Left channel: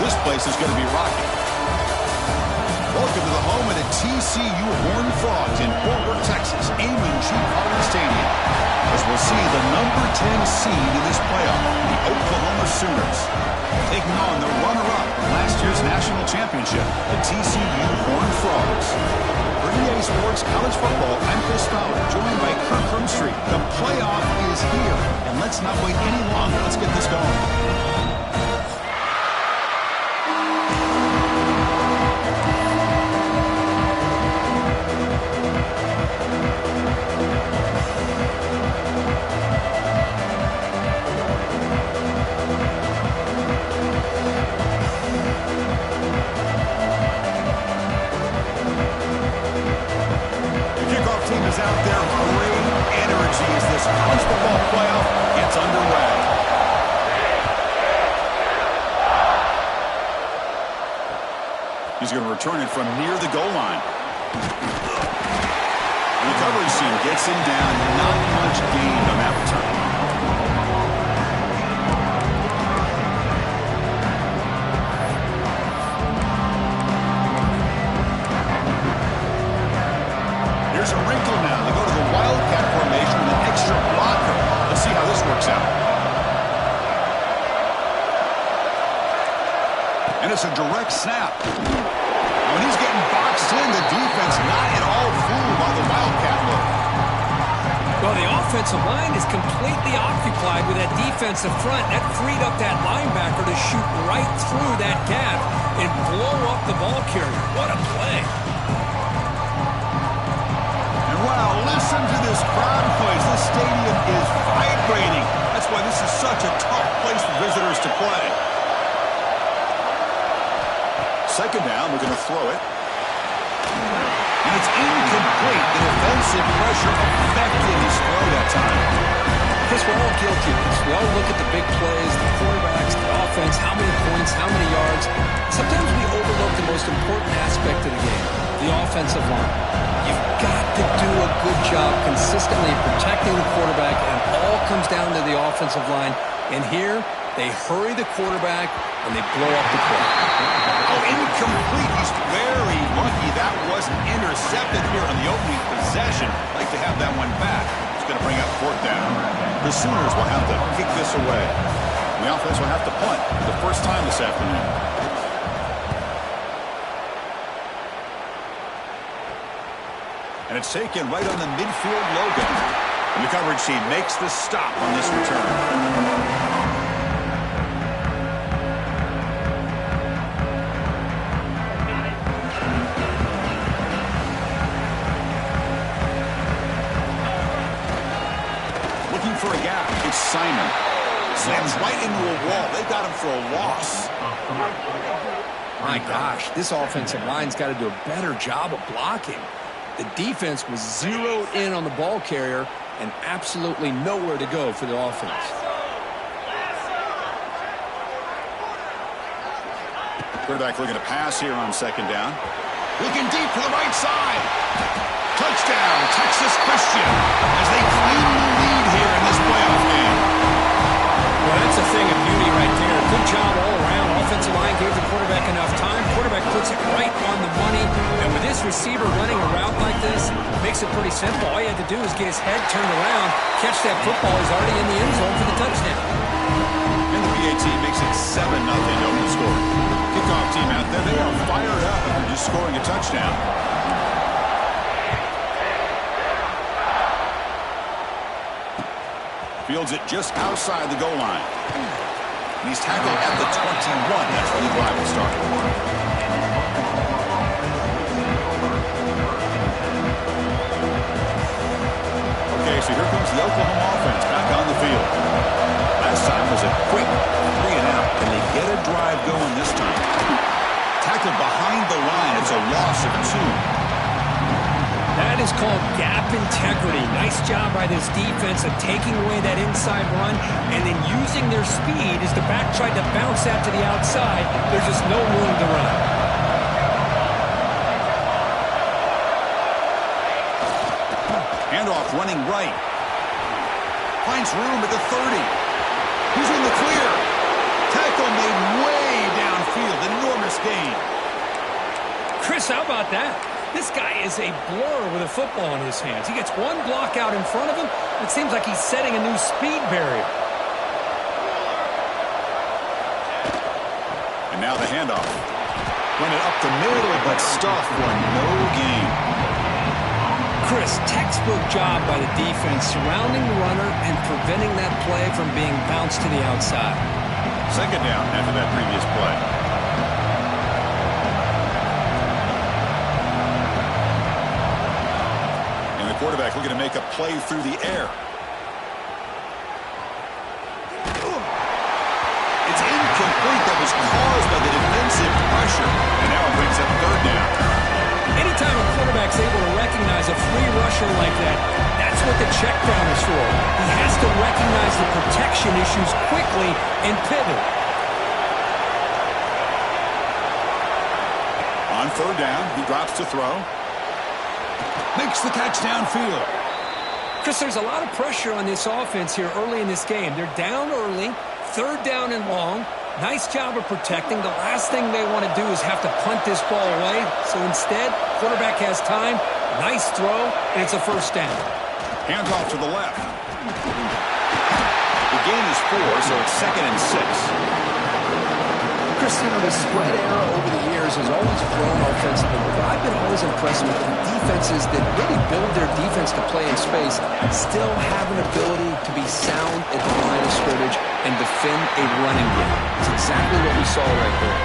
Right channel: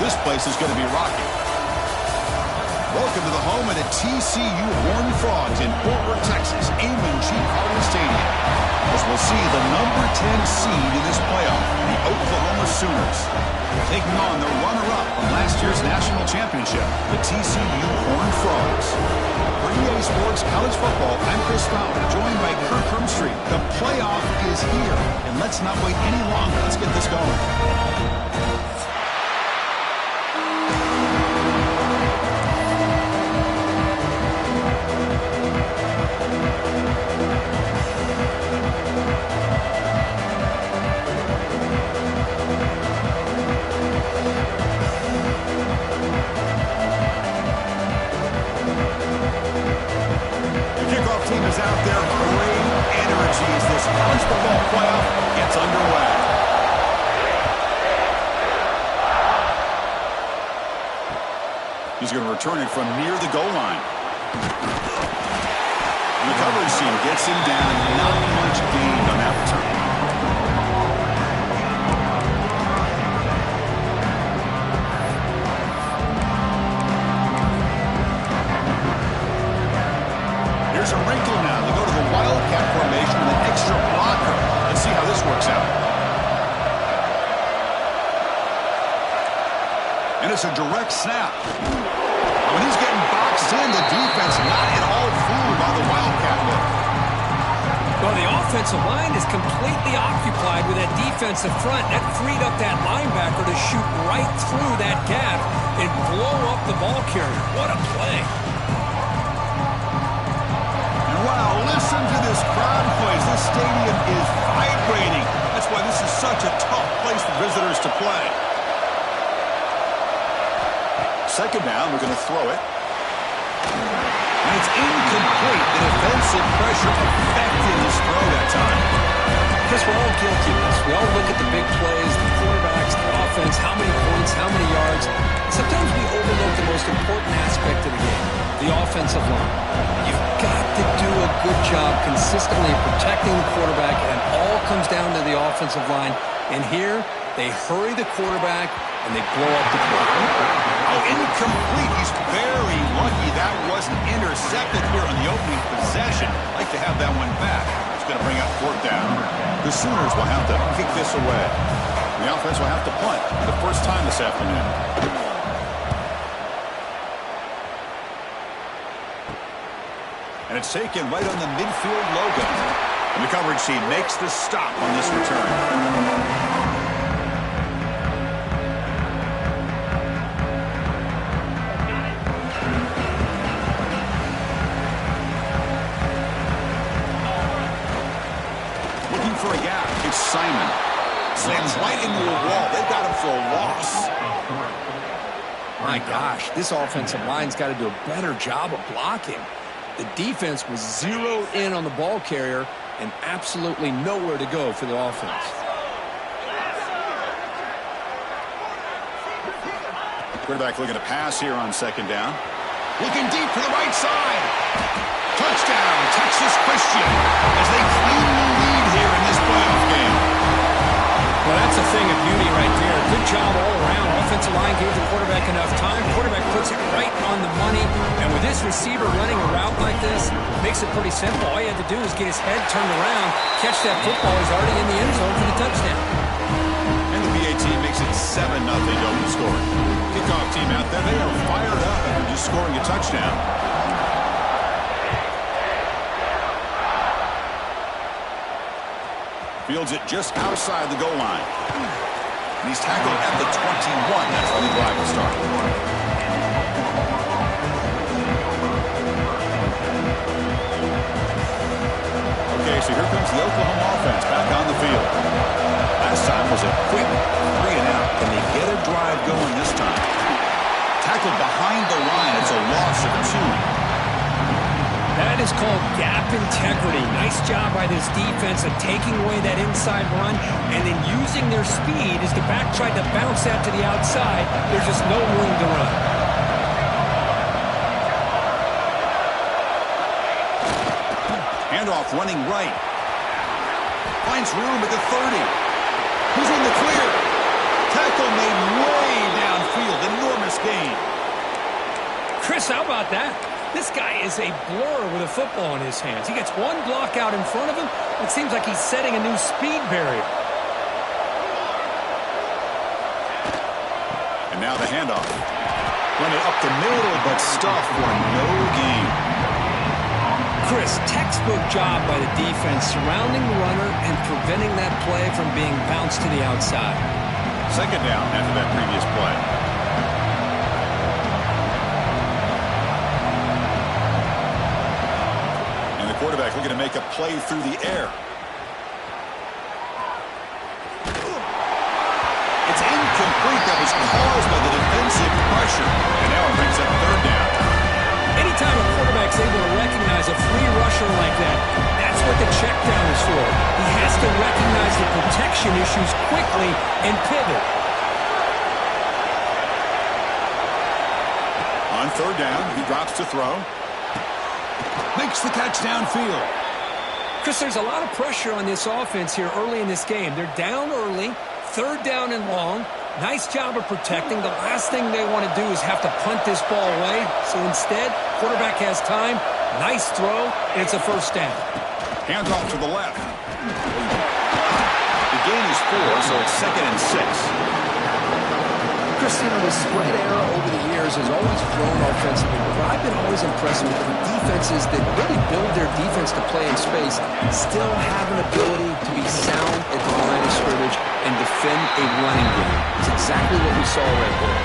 This place is going to be rocky. Welcome to the home of the TCU Horned Frogs in Fort Worth, Texas, Amon G. Carter Stadium. As we'll see the number 10 seed in this playoff, the Oklahoma Sooners, taking on the runner-up from last year's national championship, the TCU Horned Frogs. For EA Sports College Football, I'm Chris Fowler, joined by Kirk Hermstreet. The playoff is here, and let's not wait any longer. Let's get this going. Team is out there, great energy as this college football playoff gets underway. He's going to return it from near the goal line. The coverage team gets him down, not much gained on that return. There's a wrinkle now. They go to the Wildcat formation with an extra blocker. Let's see how this works out. And it's a direct snap. Now, when he's getting boxed in, the defense not at all fooled by the Wildcat look. Well, the offensive line is completely occupied with that defensive front. That freed up that linebacker to shoot right through that gap and blow up the ball carrier. What a play. Wow, listen to this crowd noise. This stadium is vibrating. That's why this is such a tough place for visitors to play. Second down, we're going to throw it. And it's incomplete. The defensive pressure affected his throw that time. Chris, we're all guilty of this. We all look at the big plays, the quarterbacks, the offense, how many points, how many yards. Sometimes we overlook the most important aspect of the game, the offensive line. You've got to do a good job consistently protecting the quarterback, and it all comes down to the offensive line. And here, they hurry the quarterback, and they blow up the play. Oh, incomplete. He's very lucky that wasn't intercepted here on the opening possession. Like to have that one back. It's going to bring up fourth down. The Sooners will have to kick this away. The offense will have to punt for the first time this afternoon. And it's taken right on the midfield logo. And the coverage team makes the stop on this return. Looking for a gap. It's Simon. Slams right into a wall. They got him for a loss. My gosh, this offensive line's got to do a better job of blocking. The defense was zeroed in on the ball carrier and absolutely nowhere to go for the offense. Quarterback looking to pass here on second down. Looking deep to the right side. Touchdown, Texas Christian, as they claim the lead here in this playoff game. Well, that's a thing of beauty right there. Good job all around. Offensive line gave the quarterback enough time. Quarterback puts it right on the money. And with this receiver running a route like this, makes it pretty simple. All you had to do is get his head turned around, catch that football. He's already in the end zone for the touchdown. And the PA team makes it 7-0 to open the scoring. Kickoff team out there, they are fired up after just scoring a touchdown. Fields it just outside the goal line. And he's tackled at the 21. That's where the drive will start. Okay, so here comes the Oklahoma offense back on the field. Last time was a quick 3 and out. Can they get a drive going this time? Tackled behind the line. It's a loss of 2. That is called gap integrity. Nice job by this defense of taking away that inside run and then using their speed as the back tried to bounce that to the outside. There's just no room to run. Handoff running right. Finds room at the 30. He's in the clear. Tackle made way downfield. Chris, how about that? This guy is a blur with a football in his hands. He gets one block out in front of him. It seems like he's setting a new speed barrier. And now the handoff. Run it up the middle, but stuff for no gain. Chris, textbook job by the defense surrounding the runner and preventing that play from being bounced to the outside. Second down after that previous play. And the quarterback looking to make a play through the air. It's incomplete. That was caused by the defensive pressure. And now it brings up third down. Anytime a quarterback's able to recognize a free rusher like that, that's what the check down is for. He has to recognize the protection issues quickly and pivot. On third down, he drops to throw. Makes the catch downfield. Chris, there's a lot of pressure on this offense here early in this game. They're down early, third down and long. Nice job of protecting. The last thing they want to do is have to punt this ball away. So instead, quarterback has time. Nice throw, and it's a first down. Hands off to the left. The gain is 4, so it's 2nd and 6. Chris, the spread era over the years has always grown offensively, but I've been always impressed with the defenses that really build their defense to play in space, still have an ability to be sound at the line of scrimmage and defend a running game. It's exactly what we saw right there.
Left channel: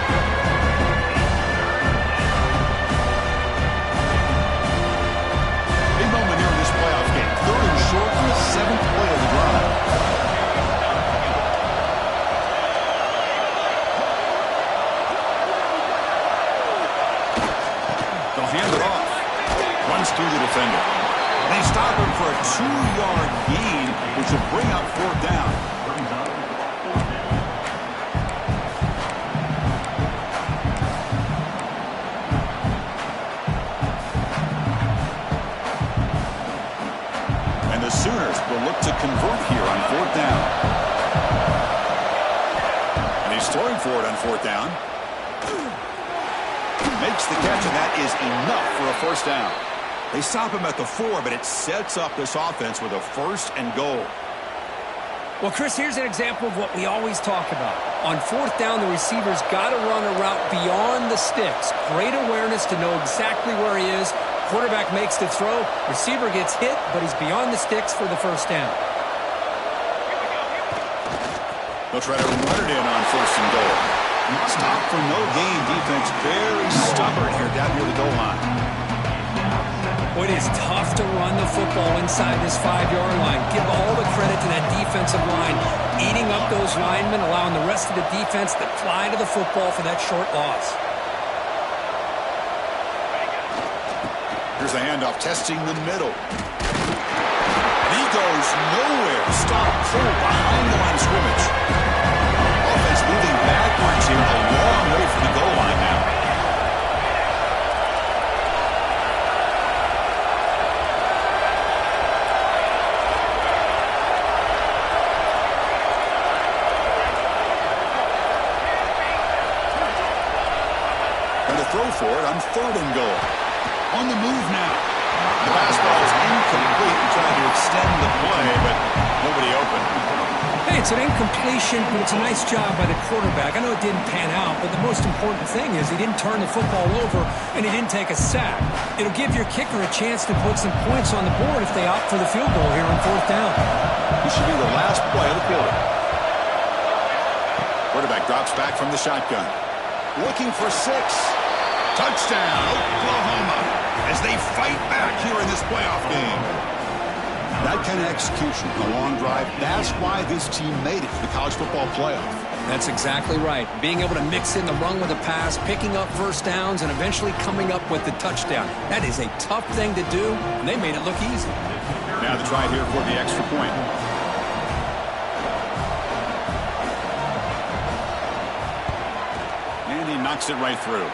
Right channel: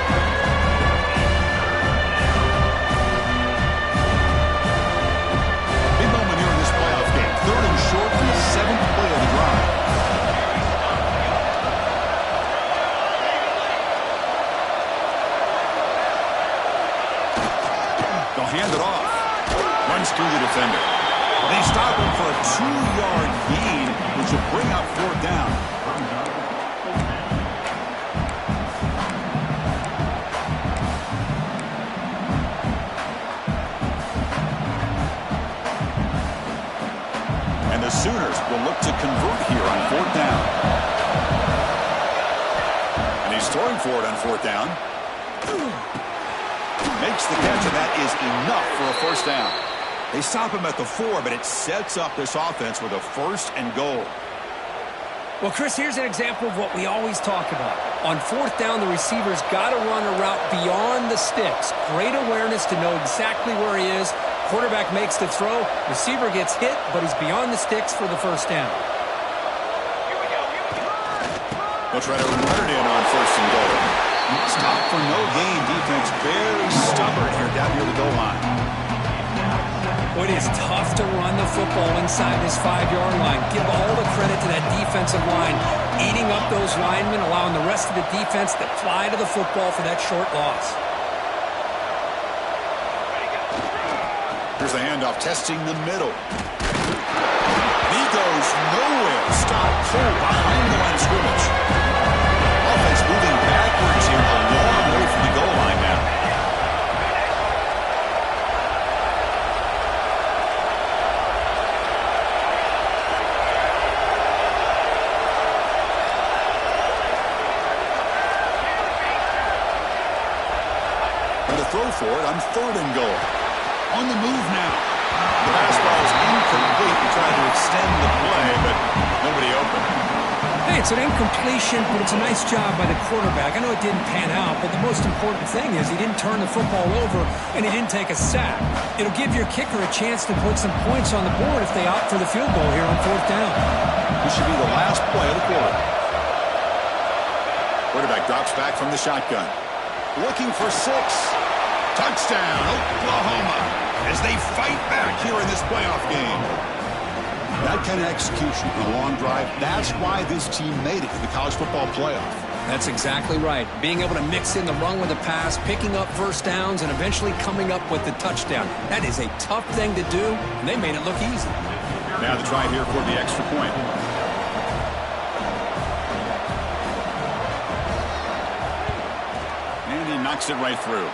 Big moment here in this playoff game. 3rd and short on the 7th play of the drive. They'll hand it off. Runs through the defender. They stop him for a 2-yard gain, which will bring up 4th down. And the Sooners will look to convert here on 4th down. And he's throwing for it on 4th down. Makes the catch, and that is enough for a first down. They stop him at the 4, but it sets up this offense with a 1st and goal. Well, Chris, here's an example of what we always talk about. On 4th down, the receiver's got to run a route beyond the sticks. Great awareness to know exactly where he is. Quarterback makes the throw. Receiver gets hit, but he's beyond the sticks for the first down. They'll try to run it in on 1st and goal. Stop for no gain. Defense very stubborn here down near the goal line. Well, it is tough to run the football inside this 5-yard line. Give all the credit to that defensive line, eating up those linemen, allowing the rest of the defense to fly to the football for that short loss. Here's the handoff, testing the middle. And he goes nowhere. Stop full behind the line of scrimmage. Offense moving backwards here, a long way from the goal line now. And to throw for it on 3rd and goal. On the move now. The pass ball is incomplete. He tried to extend the play, but nobody open. Hey, it's an incompletion, but it's a nice job by the quarterback. I know it didn't pan out, but the most important thing is he didn't turn the football over and he didn't take a sack. It'll give your kicker a chance to put some points on the board if they opt for the field goal here on 4th down. This should be the last play of the quarter. Quarterback drops back from the shotgun. Looking for 6. Touchdown, Oklahoma, as they fight back here in this playoff game. That kind of execution on a long drive, that's why this team made it to the college football playoff. That's exactly right. Being able to mix in the run with the pass, picking up first downs, and eventually coming up with the touchdown. That is a tough thing to do, and they made it look easy. Now the try here for the extra point. And he knocks it right through.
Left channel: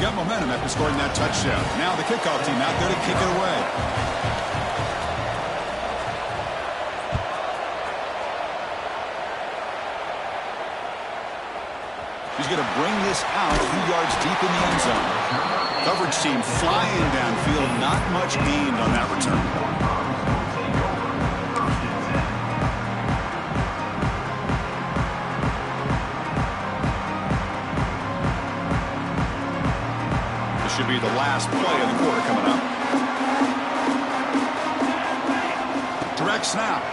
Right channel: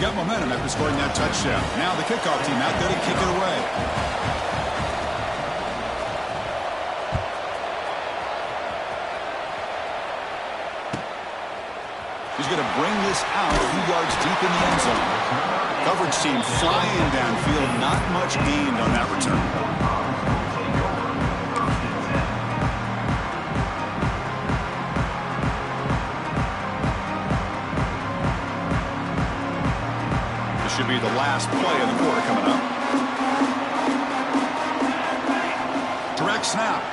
Got momentum after scoring that touchdown. Now the kickoff team out there to kick it away. He's going to bring this out a few yards deep in the end zone. Coverage team flying downfield. Not much gained on that return. This should be the last play of the quarter coming up. Direct snap.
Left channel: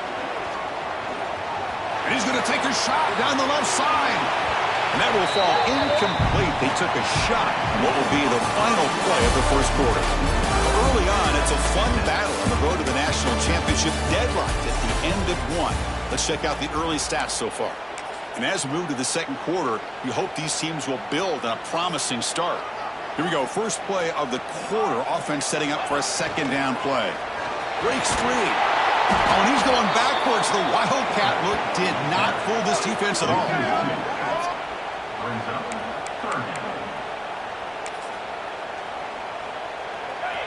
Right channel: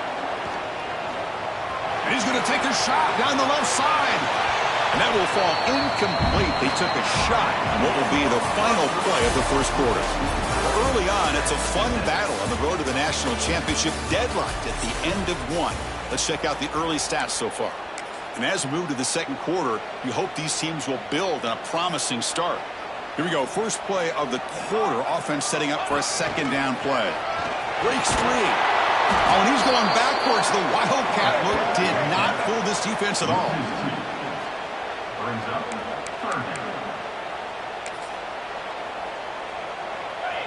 And he's going to take a shot down the left side. And that will fall incomplete. They took a shot on what will be the final play of the first quarter. Early on, it's a fun battle on the road to the national championship, deadlocked at the end of one. Let's check out the early stats so far. And as we move to the second quarter, you hope these teams will build on a promising start. Here we go. First play of the quarter. Offense setting up for a second down play. Breaks free. Oh, and he's going backwards. The Wildcat look did not fool this defense at all.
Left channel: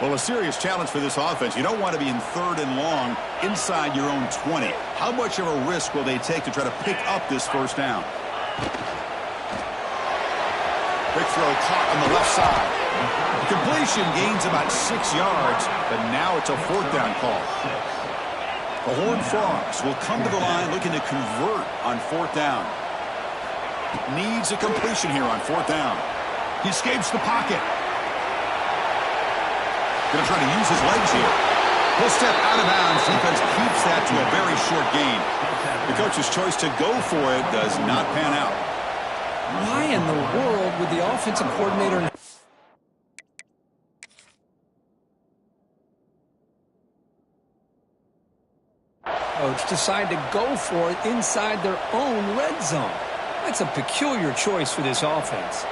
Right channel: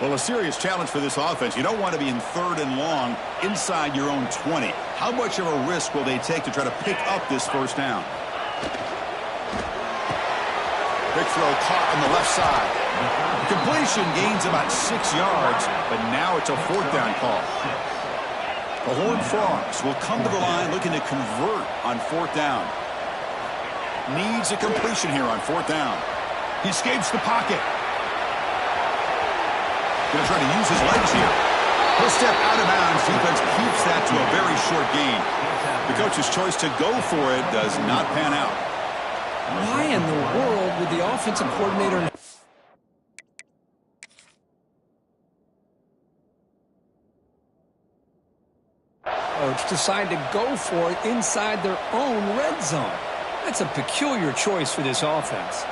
Well, a serious challenge for this offense. You don't want to be in 3rd and long inside your own 20. How much of a risk will they take to try to pick up this first down? Quick throw caught on the left side. The completion gains about 6 yards, but now it's a 4th down call. The Horned Frogs will come to the line looking to convert on 4th down. Needs a completion here on 4th down. He escapes the pocket. Going to try to use his legs here. He'll step out of bounds. Defense keeps that to a very short gain. The coach's choice to go for it does not pan out. Why in the world would the offensive coordinator... coach decide to go for it inside their own red zone? That's a peculiar choice for this offense.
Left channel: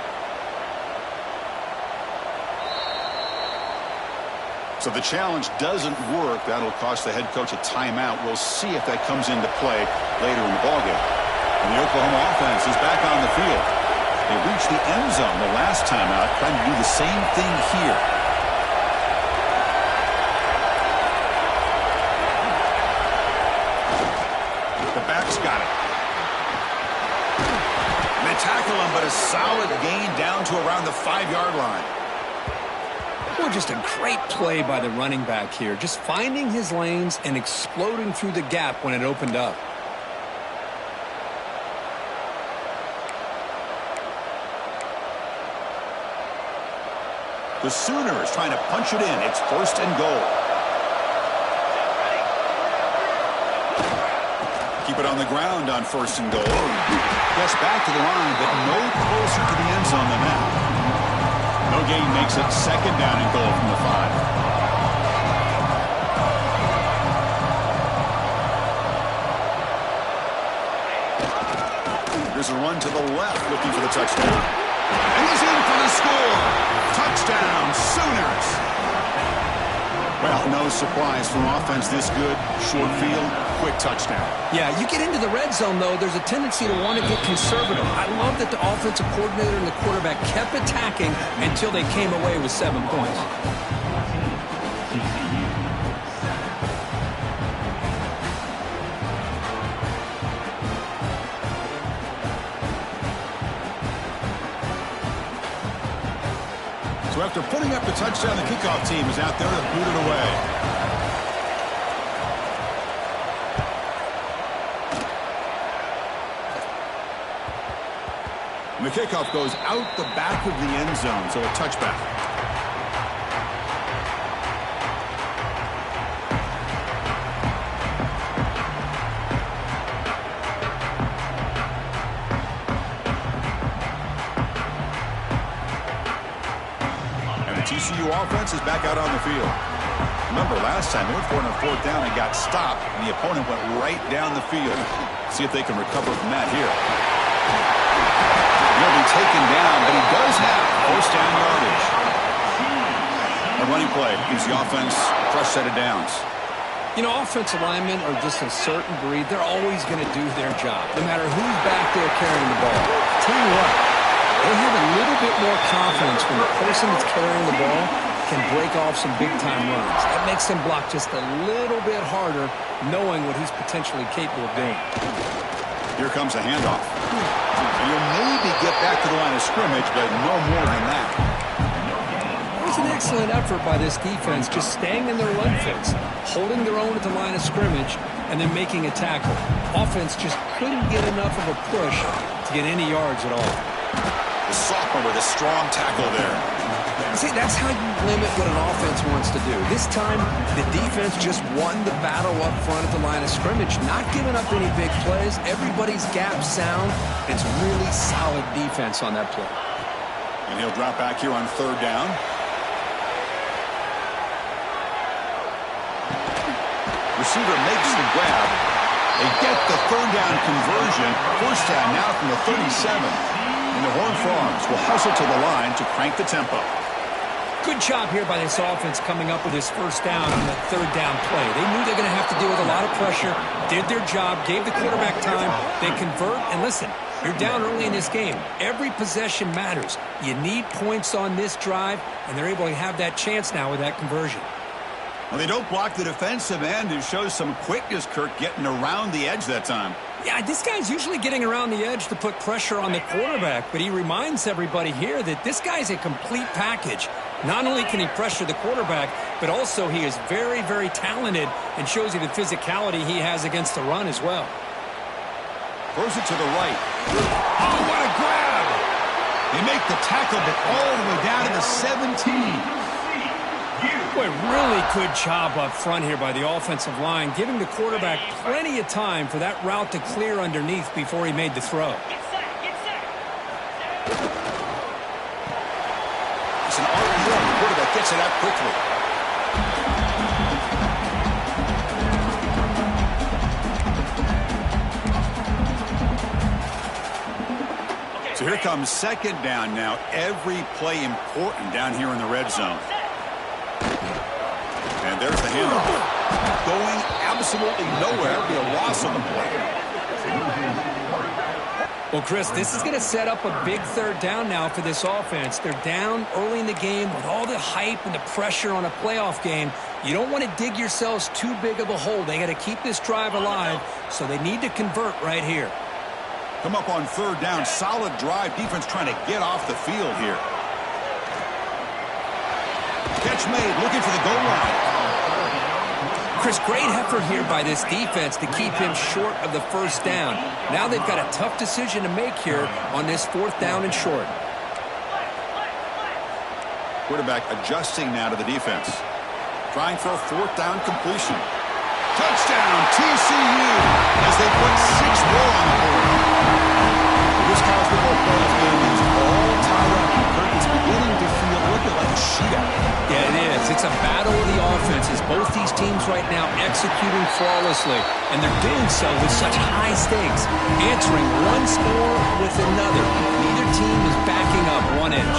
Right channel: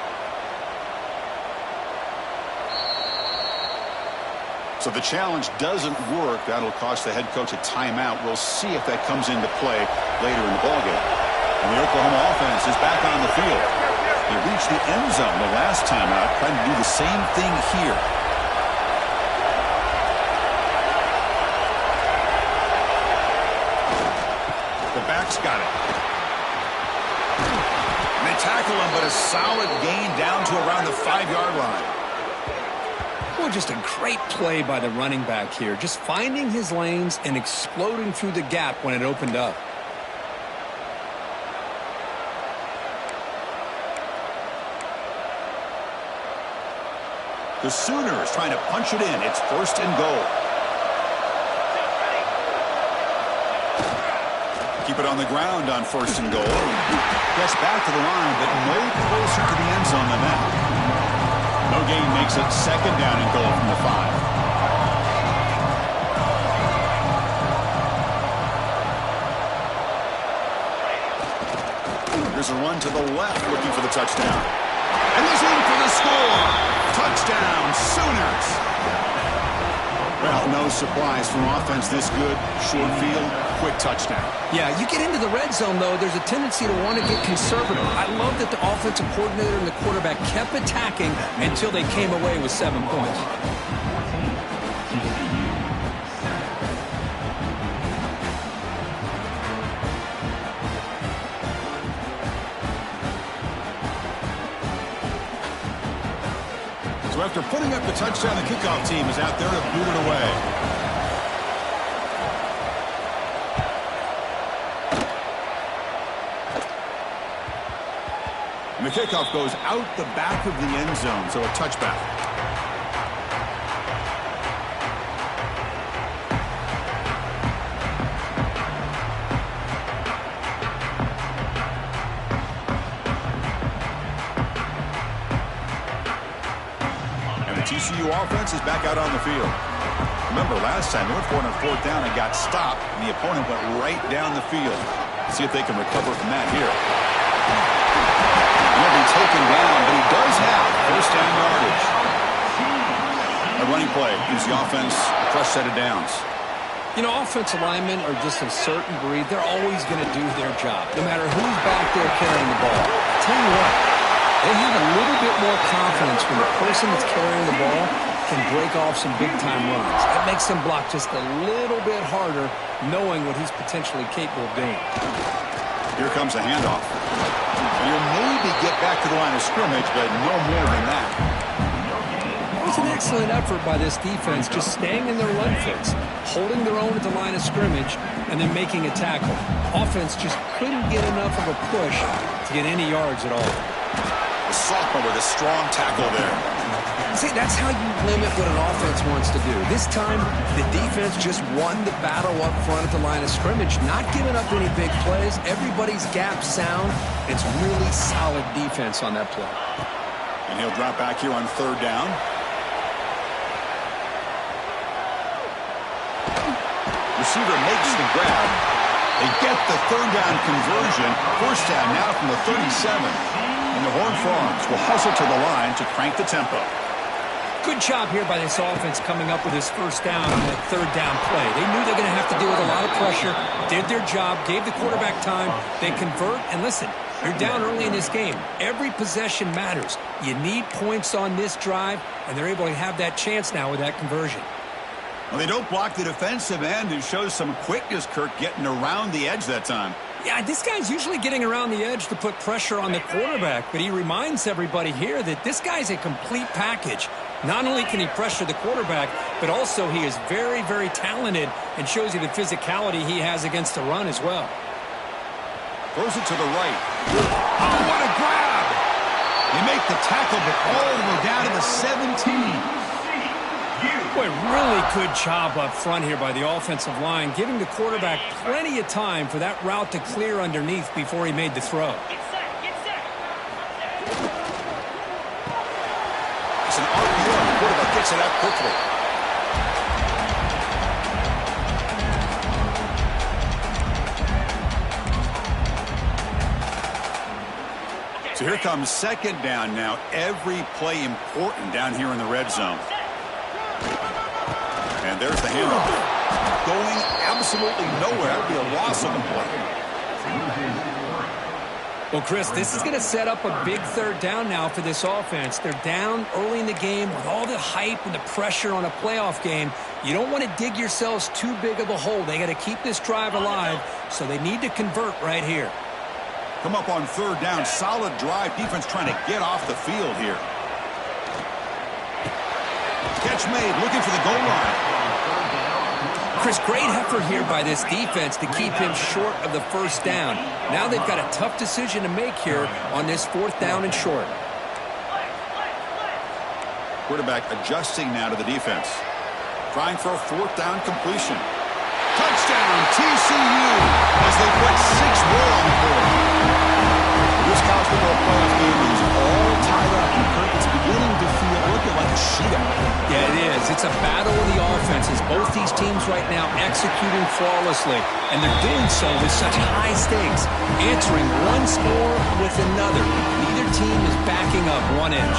So the challenge doesn't work. That'll cost the head coach a timeout. We'll see if that comes into play later in the ballgame. And the Oklahoma offense is back on the field. They reached the end zone the last time out, trying to do the same thing here. The back's got it. And they tackle him, but a solid gain down to around the 5-yard line. Well, just a great play by the running back here. Just finding his lanes and exploding through the gap when it opened up. The Sooners trying to punch it in. It's 1st and goal. Keep it on the ground on 1st and goal. Gets back to the line, but no closer to the end zone than that. No gain makes it 2nd down and goal from the 5. Here's a run to the left looking for the touchdown. And he's in for the score. Touchdown, Sooners. Well, no surprise from offense this good. Short field, quick touchdown. Yeah, you get into the red zone, though, there's a tendency to want to get conservative. I love that the offensive coordinator and the quarterback kept attacking until they came away with 7 points. So after putting up the touchdown, the kickoff team is out there to boot it away. And the kickoff goes out the back of the end zone, so a touchback. TCU offense is back out on the field. Remember, last time they went for it on 4th down and got stopped, and the opponent went right down the field. See if they can recover from that here. He'll be taken down, but he does have 1st down yardage. A running play gives the offense a fresh set of downs. You know, offensive linemen are just a certain breed. They're always going to do their job, no matter who's back there carrying the ball. I'll tell you what. They have a little bit more confidence when the person that's carrying the ball can break off some big-time runs. That makes them block just a little bit harder, knowing what he's potentially capable of doing. Here comes a handoff. And you'll maybe get back to the line of scrimmage, but no more than that. It was an excellent effort by this defense, just staying in their run fits, holding their own at the line of scrimmage, and then making a tackle. Offense just couldn't get enough of a push to get any yards at all. The sophomore with a strong tackle there. See, that's how you limit what an offense wants to do. This time, the defense just won the battle up front at the line of scrimmage, not giving up any big plays. Everybody's gap sound. It's really solid defense on that play. And he'll drop back here on third down. Receiver makes the grab. They get the third down conversion. First down now from the 37. And the Horned Frogs will hustle to the line to crank the tempo. Good job here by this offense coming up with his first down on that third down play. They knew they're going to have to deal with a lot of pressure, did their job, gave the quarterback time. They convert, and listen, you're down early in this game. Every possession matters. You need points on this drive, and they're able to have that chance now with that conversion. Well, they don't block the defensive end, who shows some quickness, Kirk, getting around the edge that time. Yeah, this guy's usually getting around the edge to put pressure on the quarterback, but he reminds everybody here that this guy's a complete package. Not only can he pressure the quarterback, but also he is very, very talented and shows you the physicality he has against the run as well. Throws it to the right. Oh, what a grab! They make the tackle, but all the way down to the 17. Boy, really good job up front here by the offensive line, giving the quarterback plenty of time for that route to clear underneath before he made the throw. It's an RPO. The quarterback gets it out quickly. So here comes second down now. Every play important down here in the red zone. And there's the handoff. Going absolutely nowhere. It'll be a loss on the play. Well, Chris, this is going to set up a big third down now for this offense. They're down early in the game with all the hype and the pressure on a playoff game. You don't want to dig yourselves too big of a hole. They got to keep this drive alive, so they need to convert right here. Come up on third down. Solid drive. Defense trying to get off the field here. Catch made. Looking for the goal line. Chris, great effort here by this defense to keep him short of the first down. Now they've got a tough decision to make here on this fourth down and short. Quarterback adjusting now to the defense. Trying for a fourth down completion. Touchdown, TCU, as they put 6 more on the board. This college football playoff game is all tied up. Kirk, it's beginning to feel a little bit like a shootout. Yeah, it is. It's a battle of the offenses. Both these teams right now executing flawlessly, and they're doing so with such high stakes, answering one score with another. Neither team is backing up 1 inch.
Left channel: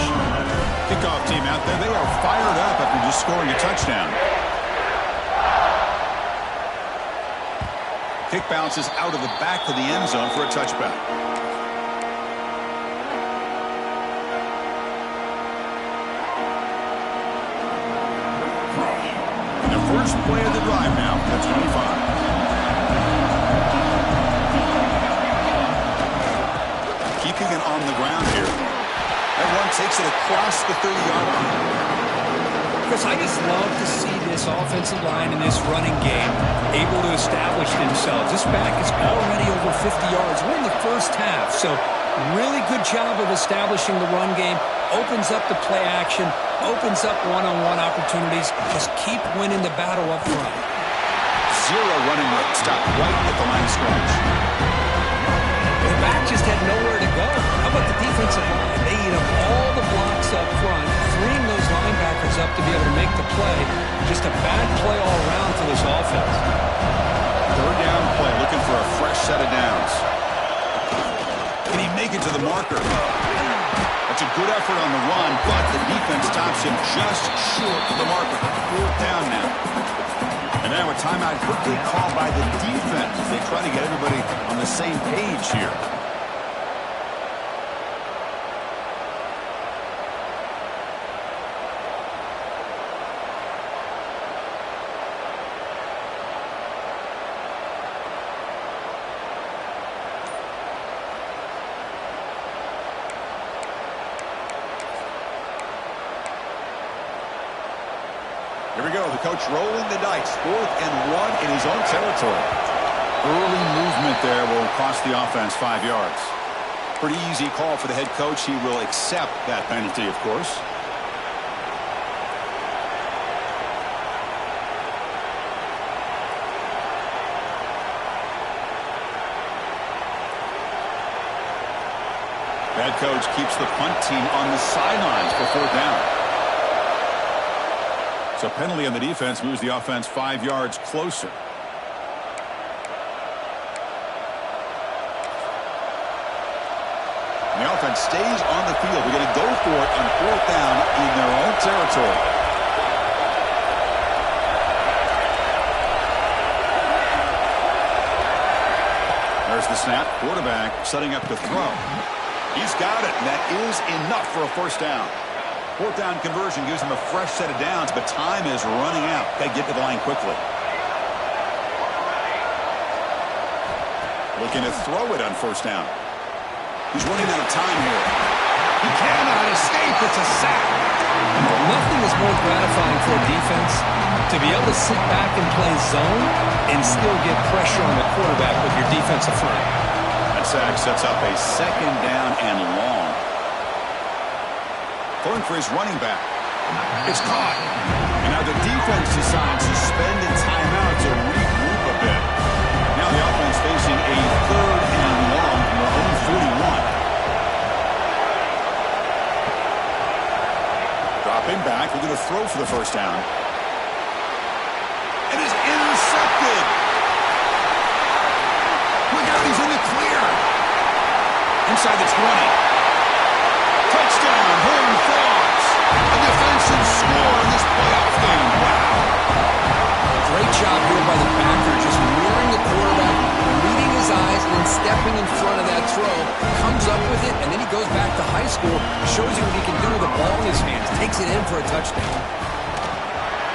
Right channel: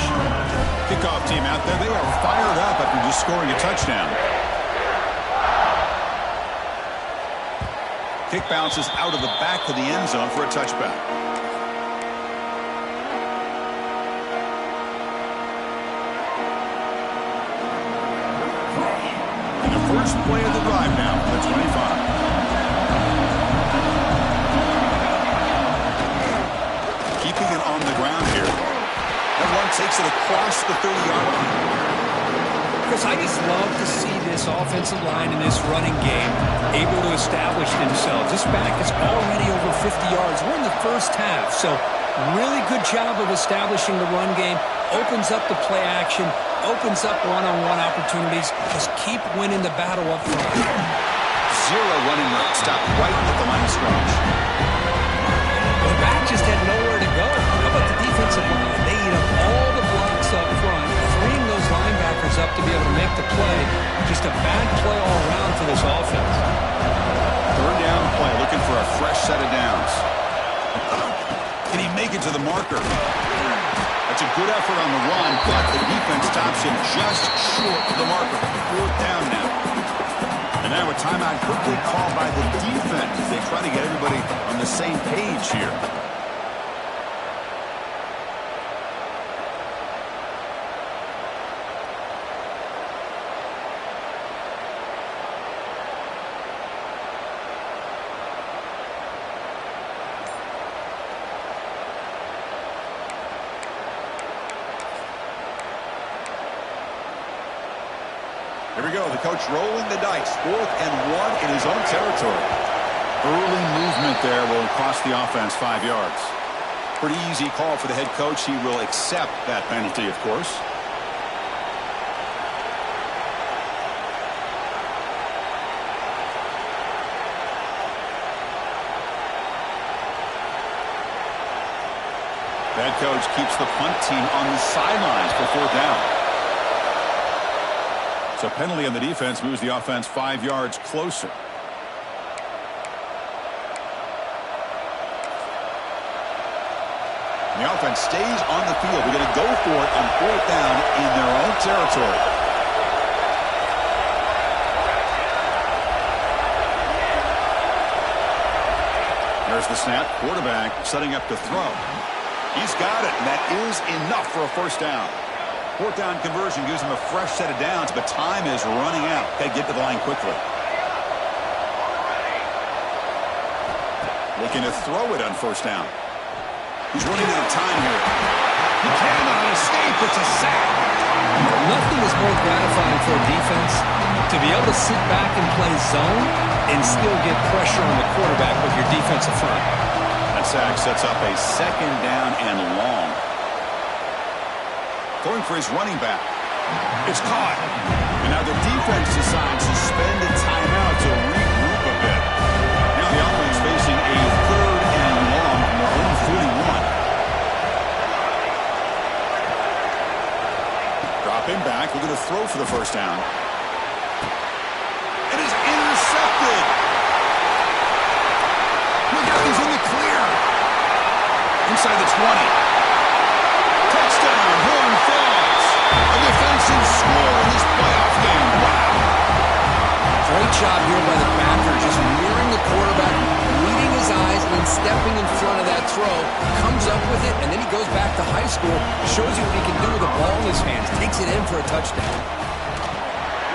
Kickoff team out there, they are fired up after just scoring a touchdown. Kick bounces out of the back of the end zone for a touchback. First play of the drive now, the 25. Keeping it on the ground here. Everyone takes it across the 30-yard line. Chris, I just love to see this offensive line in this running game able to establish themselves. This back is already over 50 yards. We're in the first half, so really good job of establishing the run game. Opens up the play action. Opens up one-on-one opportunities. Just keep winning the battle up front. 0 running room. Stop right at the line of scrimmage. The back just had nowhere to go. How about the defensive line? They eat up all the blocks up front, freeing those linebackers up to be able to make the play. Just a bad play all around for this offense. Third down play, looking for a fresh set of downs. Can he make it to the marker? That's a good effort on the run, but the defense stops him just short of the marker. Fourth down now. And now a timeout quickly called by the defense as they try to get everybody on the same page here. Here we go. The coach rolling the dice. 4th and 1 in his own territory. Early movement there will cost the offense 5 yards. Pretty easy call for the head coach. He will accept that penalty, of course. Head coach keeps the punt team on the sidelines for 4th down. So penalty on the defense moves the offense 5 yards closer. And the offense stays on the field. We're going to go for it on 4th down in their own territory. There's the snap. Quarterback setting up to throw. He's got it, and that is enough for a 1st down. 4th down conversion gives him a fresh set of downs, but time is running out. Got to get to the line quickly. Looking to throw it on 1st down. He's running out of time here. He cannot escape. It's a sack. Nothing is more gratifying for a defense to be able to sit back and play zone and still get pressure on the quarterback with your defensive front. That sack sets up a 2nd down and long. Throwing for his running back. It's caught. And now the defense decides to spend a timeout to regroup a bit. Now the offense facing a 3rd and long from their own 41. Dropping back, looking to throw for the 1st down. It is intercepted. Look out, he's in the clear. Inside the 20. Touchdown, Horned Frogs. A defensive score in this playoff game. Wow. Great job here by the backer, just mirroring the quarterback, reading his eyes, and then stepping in front of that throw. Comes up with it, and then he goes back to high school, shows you what he can do with the ball in his hands, takes it in for a touchdown.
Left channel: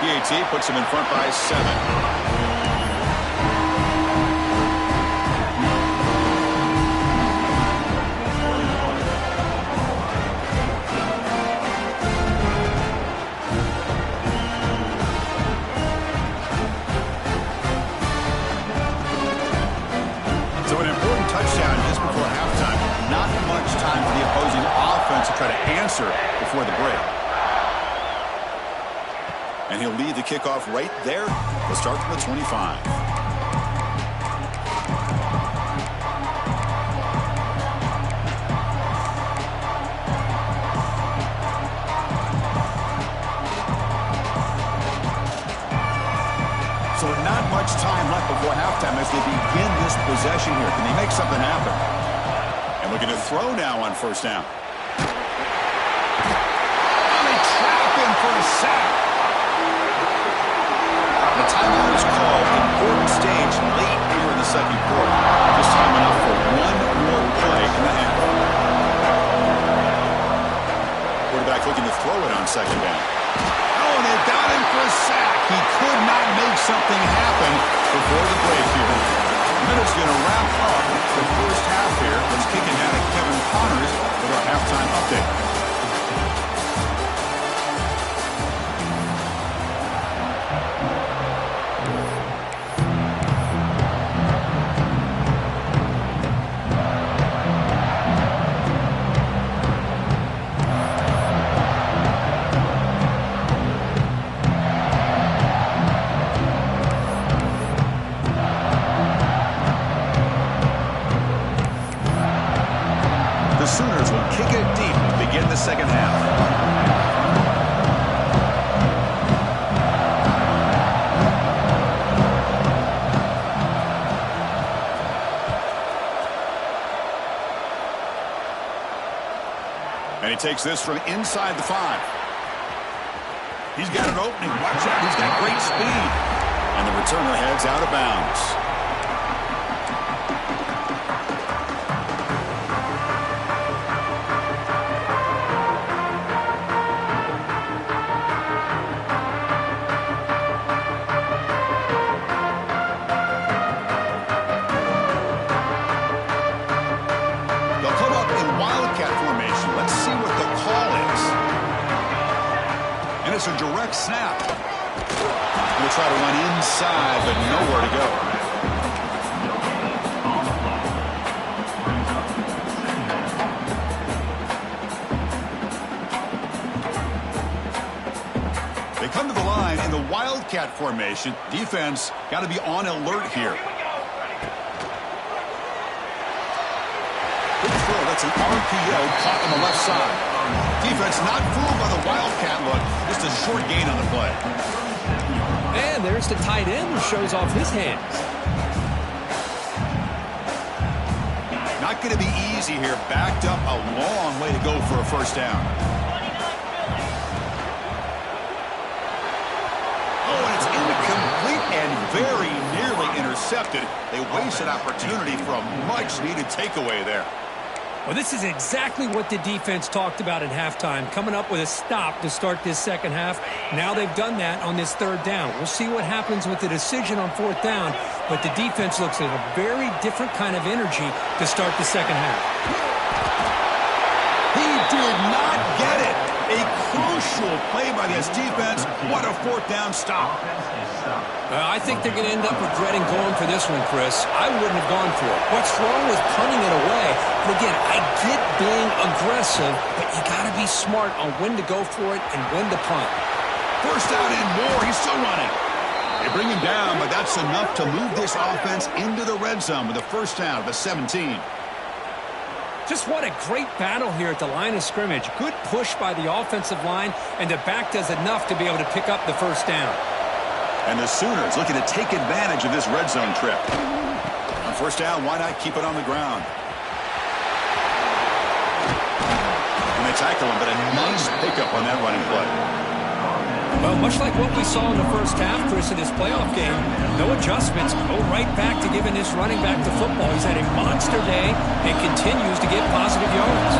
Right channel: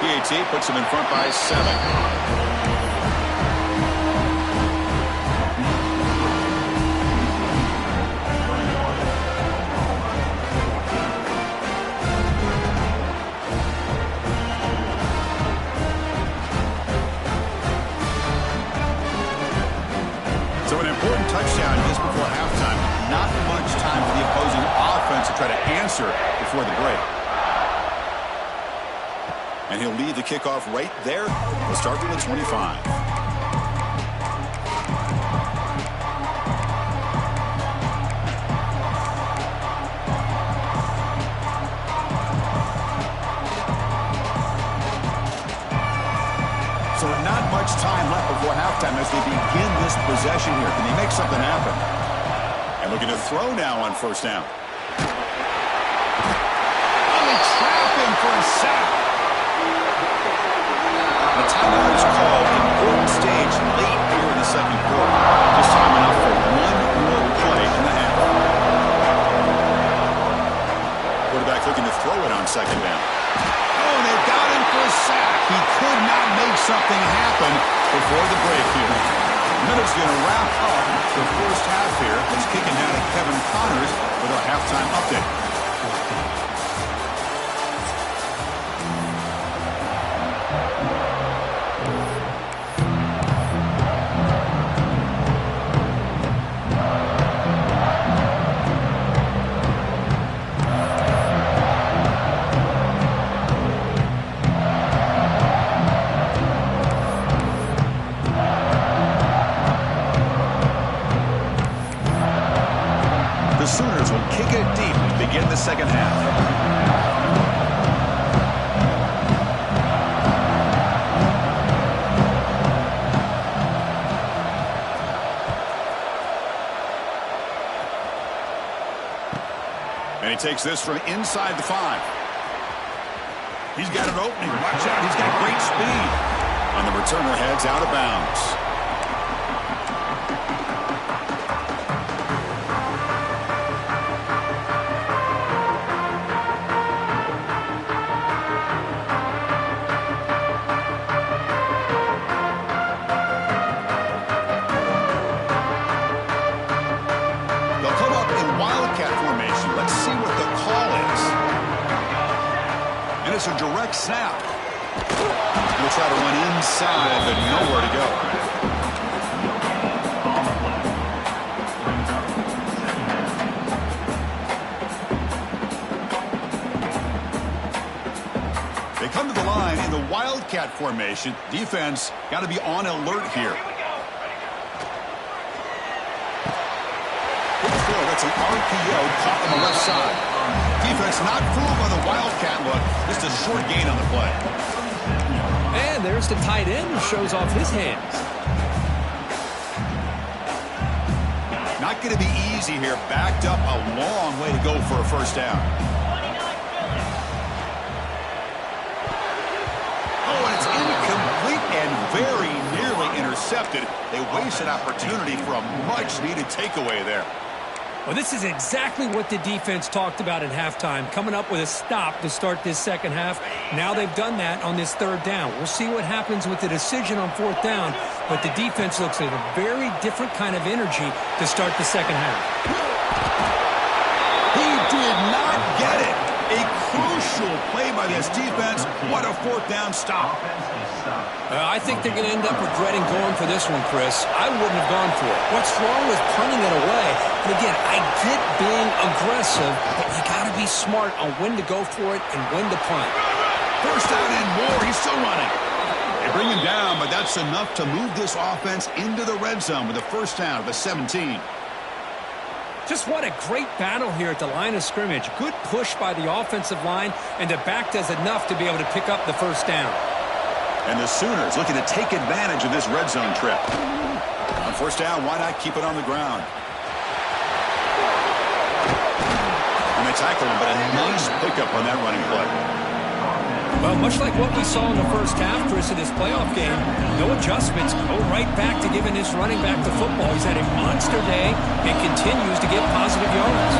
PAT puts him in front by 7. So an important touchdown just before halftime. Not much time for the opposing offense to try to answer before the break. And he'll lead the kickoff right there. We'll start from the 25. So not much time left before halftime as they begin this possession here. Can they make something happen? And looking to throw now on 1st down. Oh, they trap him for a sack. The timeout is called. Important stage late here in the 2nd quarter. Just time enough for one more play in the half. Quarterback looking to throw it on 2nd down. Oh, and they've got him for a sack. He could not make something happen before the break here. Minute's going to wrap up the 1st half here. Let's kick it down to Kevin Connors with our halftime update. The Sooners will kick it deep to begin the 2nd half. And he takes this from inside the 5. He's got an opening. Watch out. He's got great speed. And the returner heads out of bounds. Let's see what the call is. And it's a direct snap. They'll try to run inside, but nowhere to go. They come to the line in the Wildcat formation. Defense got to be on alert here. Good throw. That's an RPO caught on the left side. Defense not fooled by the Wildcat look. Just a short gain on the play. And there's the tight end who shows off his hands. Not going to be easy here. Backed up a long way to go for a first down. Oh, and it's incomplete and very nearly intercepted. They wasted opportunity for a much-needed takeaway there. Well, this is exactly what the defense talked about at halftime, coming up with a stop to start this second half. Now they've done that on this third down. We'll see what happens with the decision on fourth down, but the defense looks like a very different kind of energy to start the second half. He did not get it. A crucial play by this defense. What a fourth down stop. I think they're going to end up regretting going for this one, Chris. I wouldn't have gone for it. What's wrong with punting it away? And again, I get being aggressive, but you got to be smart on when to go for it and when to punt. First down and more. He's still running. They bring him down, but that's enough to move this offense into the red zone with a first down at the 17. Just what a great battle here at the line of scrimmage. Good push by the offensive line, and the back does enough to be able to pick up the first down. And the Sooners looking to take advantage of this red zone trip. On first down, why not keep it on the ground? And they tackle him, but a nice pickup on that running play. Well, much like what we saw in the first half, Chris, of this playoff game, no adjustments. Go right back to giving this running back the football. He's had a monster day and continues to get positive yards.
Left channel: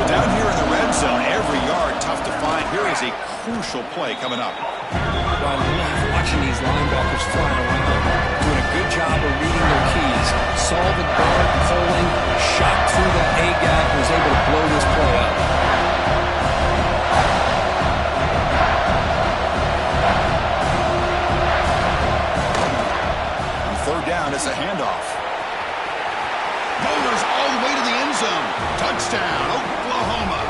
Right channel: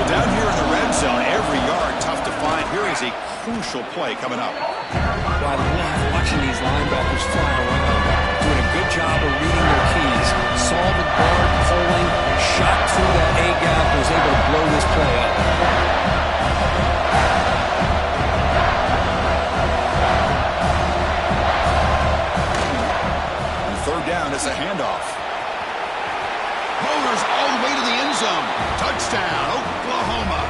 So down here in the red zone, every yard tough to find. Here is a crucial play coming up. Well, I love watching these linebackers fly around, doing a good job of reading their keys. Saw the guard pulling, shot through that A-gap, was able to blow this play up. Third down, it's a handoff. Motors all the way to the end zone. Touchdown, Oklahoma.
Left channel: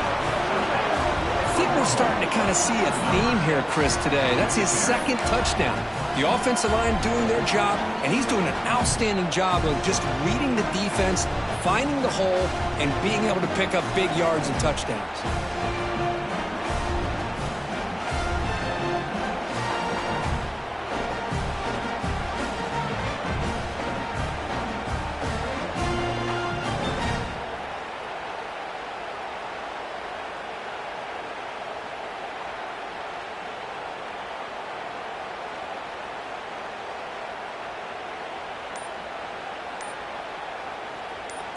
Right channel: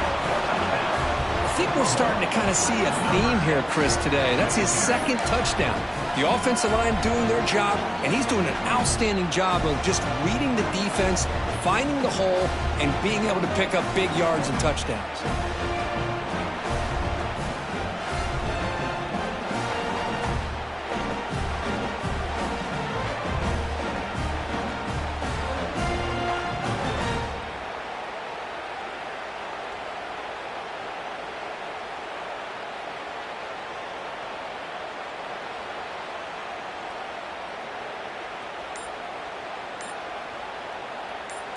I think we're starting to kind of see a theme here, Chris, today. That's his second touchdown. The offensive line doing their job, and he's doing an outstanding job of just reading the defense, finding the hole, and being able to pick up big yards and touchdowns.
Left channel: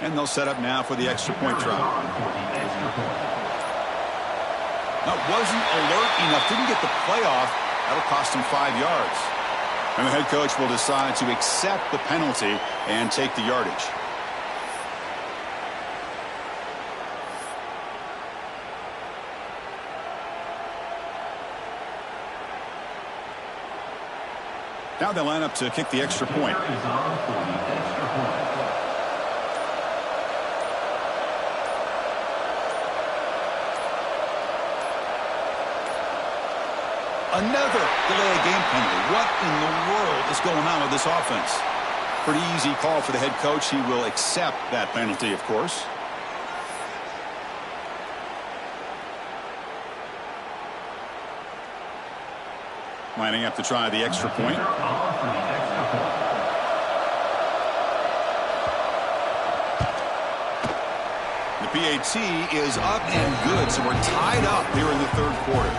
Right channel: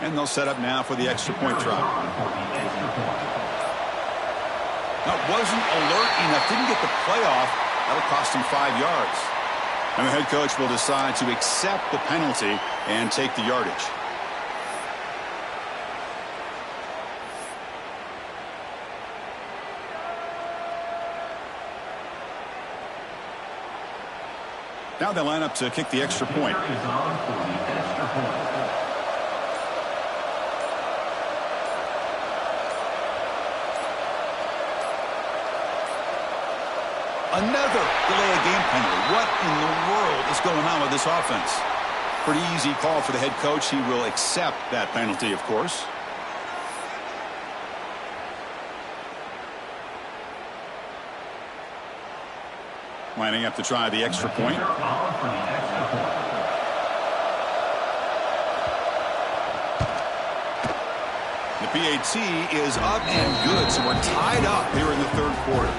And they'll set up now for the extra point try. Now, wasn't alert enough, didn't get the play off. That'll cost him 5 yards. And the head coach will decide to accept the penalty and take the yardage. Now they line up to kick the extra point. Another delay of game penalty. What in the world is going on with this offense? Pretty easy call for the head coach. He will accept that penalty, of course. Lining up to try the extra point. The PAT is up and good, so we're tied up here in the third quarter.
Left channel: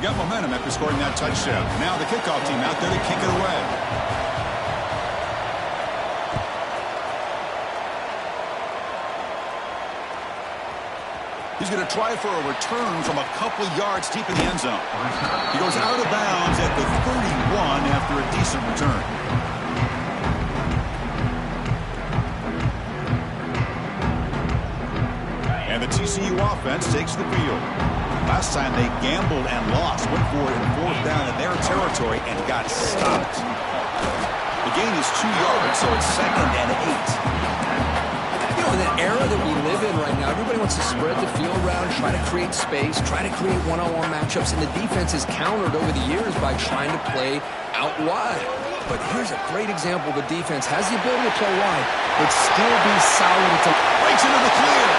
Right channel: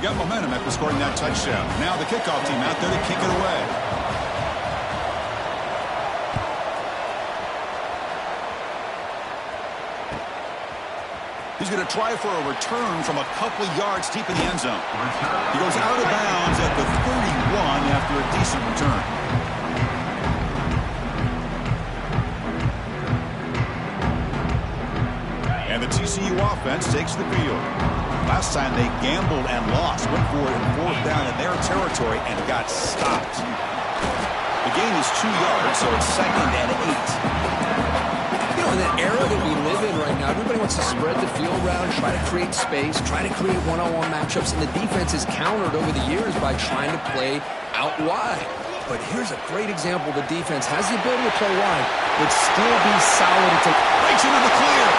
Got momentum after scoring that touchdown. Now the kickoff team out there to kick it away. He's He's going to try for a return from a couple yards deep in the end zone. He goes out of bounds at the 31 after a decent return. And the TCU offense takes the field. Last time they gambled and lost, went for it in 4th down in their territory and got stopped. The gain is 2 yards, so it's 2nd and 8. You know, in the era that we live in right now, everybody wants to spread the field around, try to create space, try to create one-on-one matchups, and the defense is countered over the years by trying to play out wide. But here's a great example. The defense has the ability to play wide, but still be solid. Breaks into the clear.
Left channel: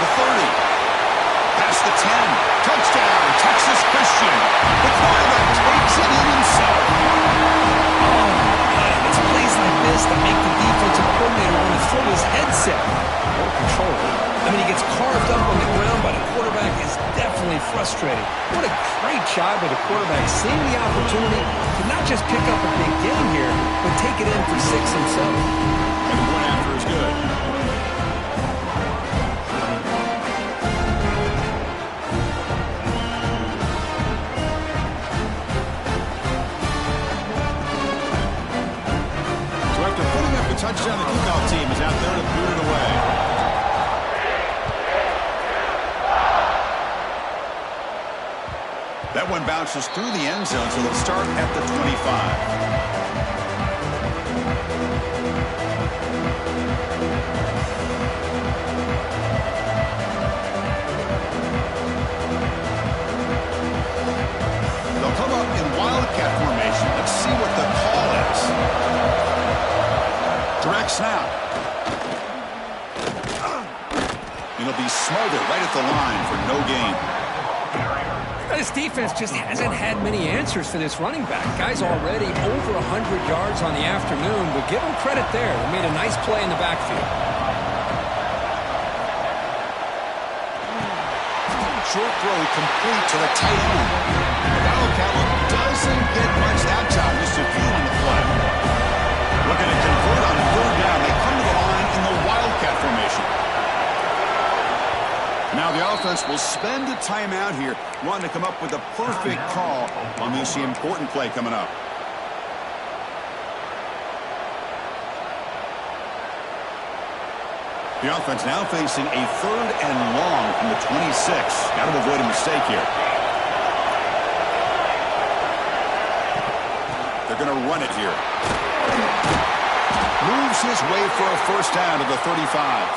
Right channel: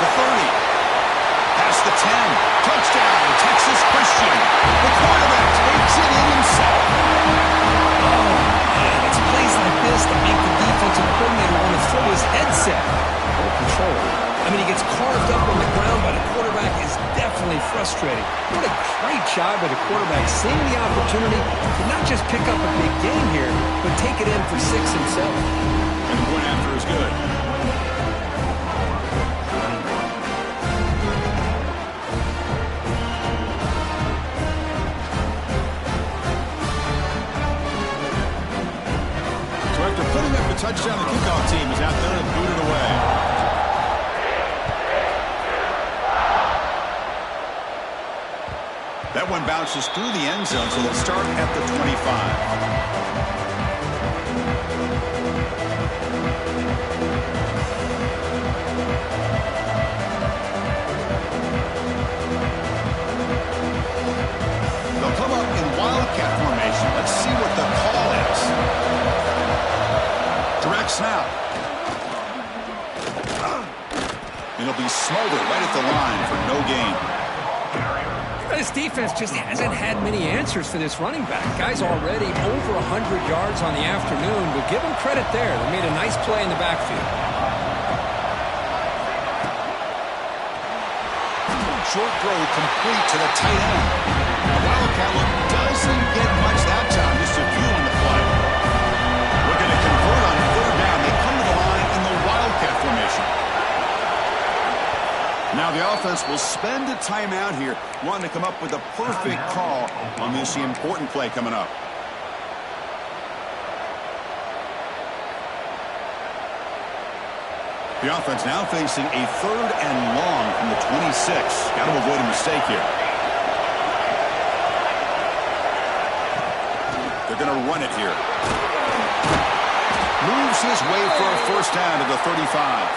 The 30. Past the 10. Touchdown, Texas Christian. The quarterback takes it in himself. Oh, man, it's plays like this that make the defensive coordinator want to throw his headset. More control. I mean, he gets carved up on the ground by the quarterback is definitely frustrating. What a great job by the quarterback, seeing the opportunity to not just pick up a big gain here, but take it in for 6 himself. And the point after is good. After putting up a touchdown, the kickoff team is out there to boot it away. That one bounces through the end zone, so they'll start at the 25. They'll come up in wildcat formation. Let's see what the call is. Direct snap. It'll be smothered right at the line for no gain. This defense just hasn't had many answers for this running back. Guy's already over 100 yards on the afternoon, but give him credit there. They made a nice play in the backfield. Short throw complete to the tight end. The wildcat look doesn't get much that time, just a few on the play. Looking to convert on 3rd down. They come to the line in the wildcat formation. Now the offense will spend a timeout here, wanting to come up with a perfect call on this important play coming up. The offense now facing a 3rd and long from the 26. Got to avoid a mistake here. They're going to run it here. Moves his way for a 1st down to the 35.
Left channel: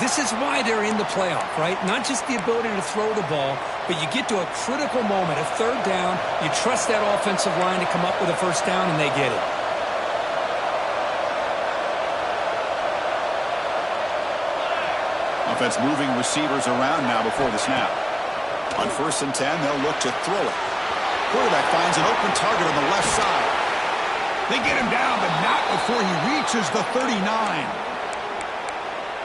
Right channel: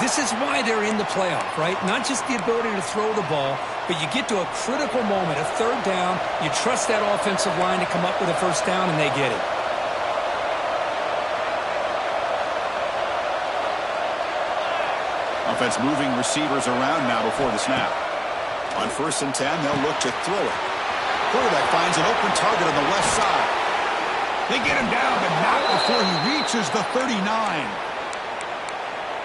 This is why they're in the playoff, right? Not just the ability to throw the ball, but you get to a critical moment, a 3rd down, you trust that offensive line to come up with a 1st down, and they get it. Offense moving receivers around now before the snap. On 1st and 10, they'll look to throw it. Quarterback finds an open target on the left side. They get him down, but not before he reaches the 39.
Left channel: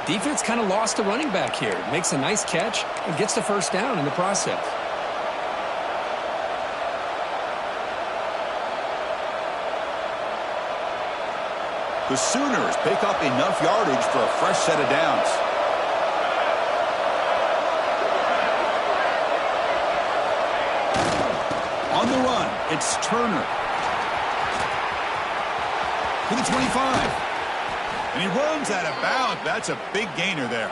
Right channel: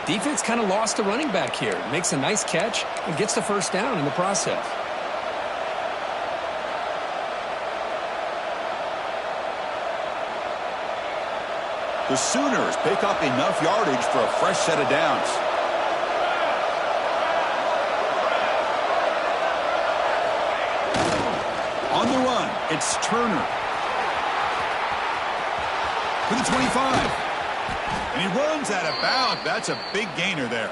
Defense kind of lost the running back here. Makes a nice catch and gets the 1st down in the process. The Sooners pick up enough yardage for a fresh set of downs. On the run, it's Turner. To the 25. And he runs out of bounds. That's a big gainer there.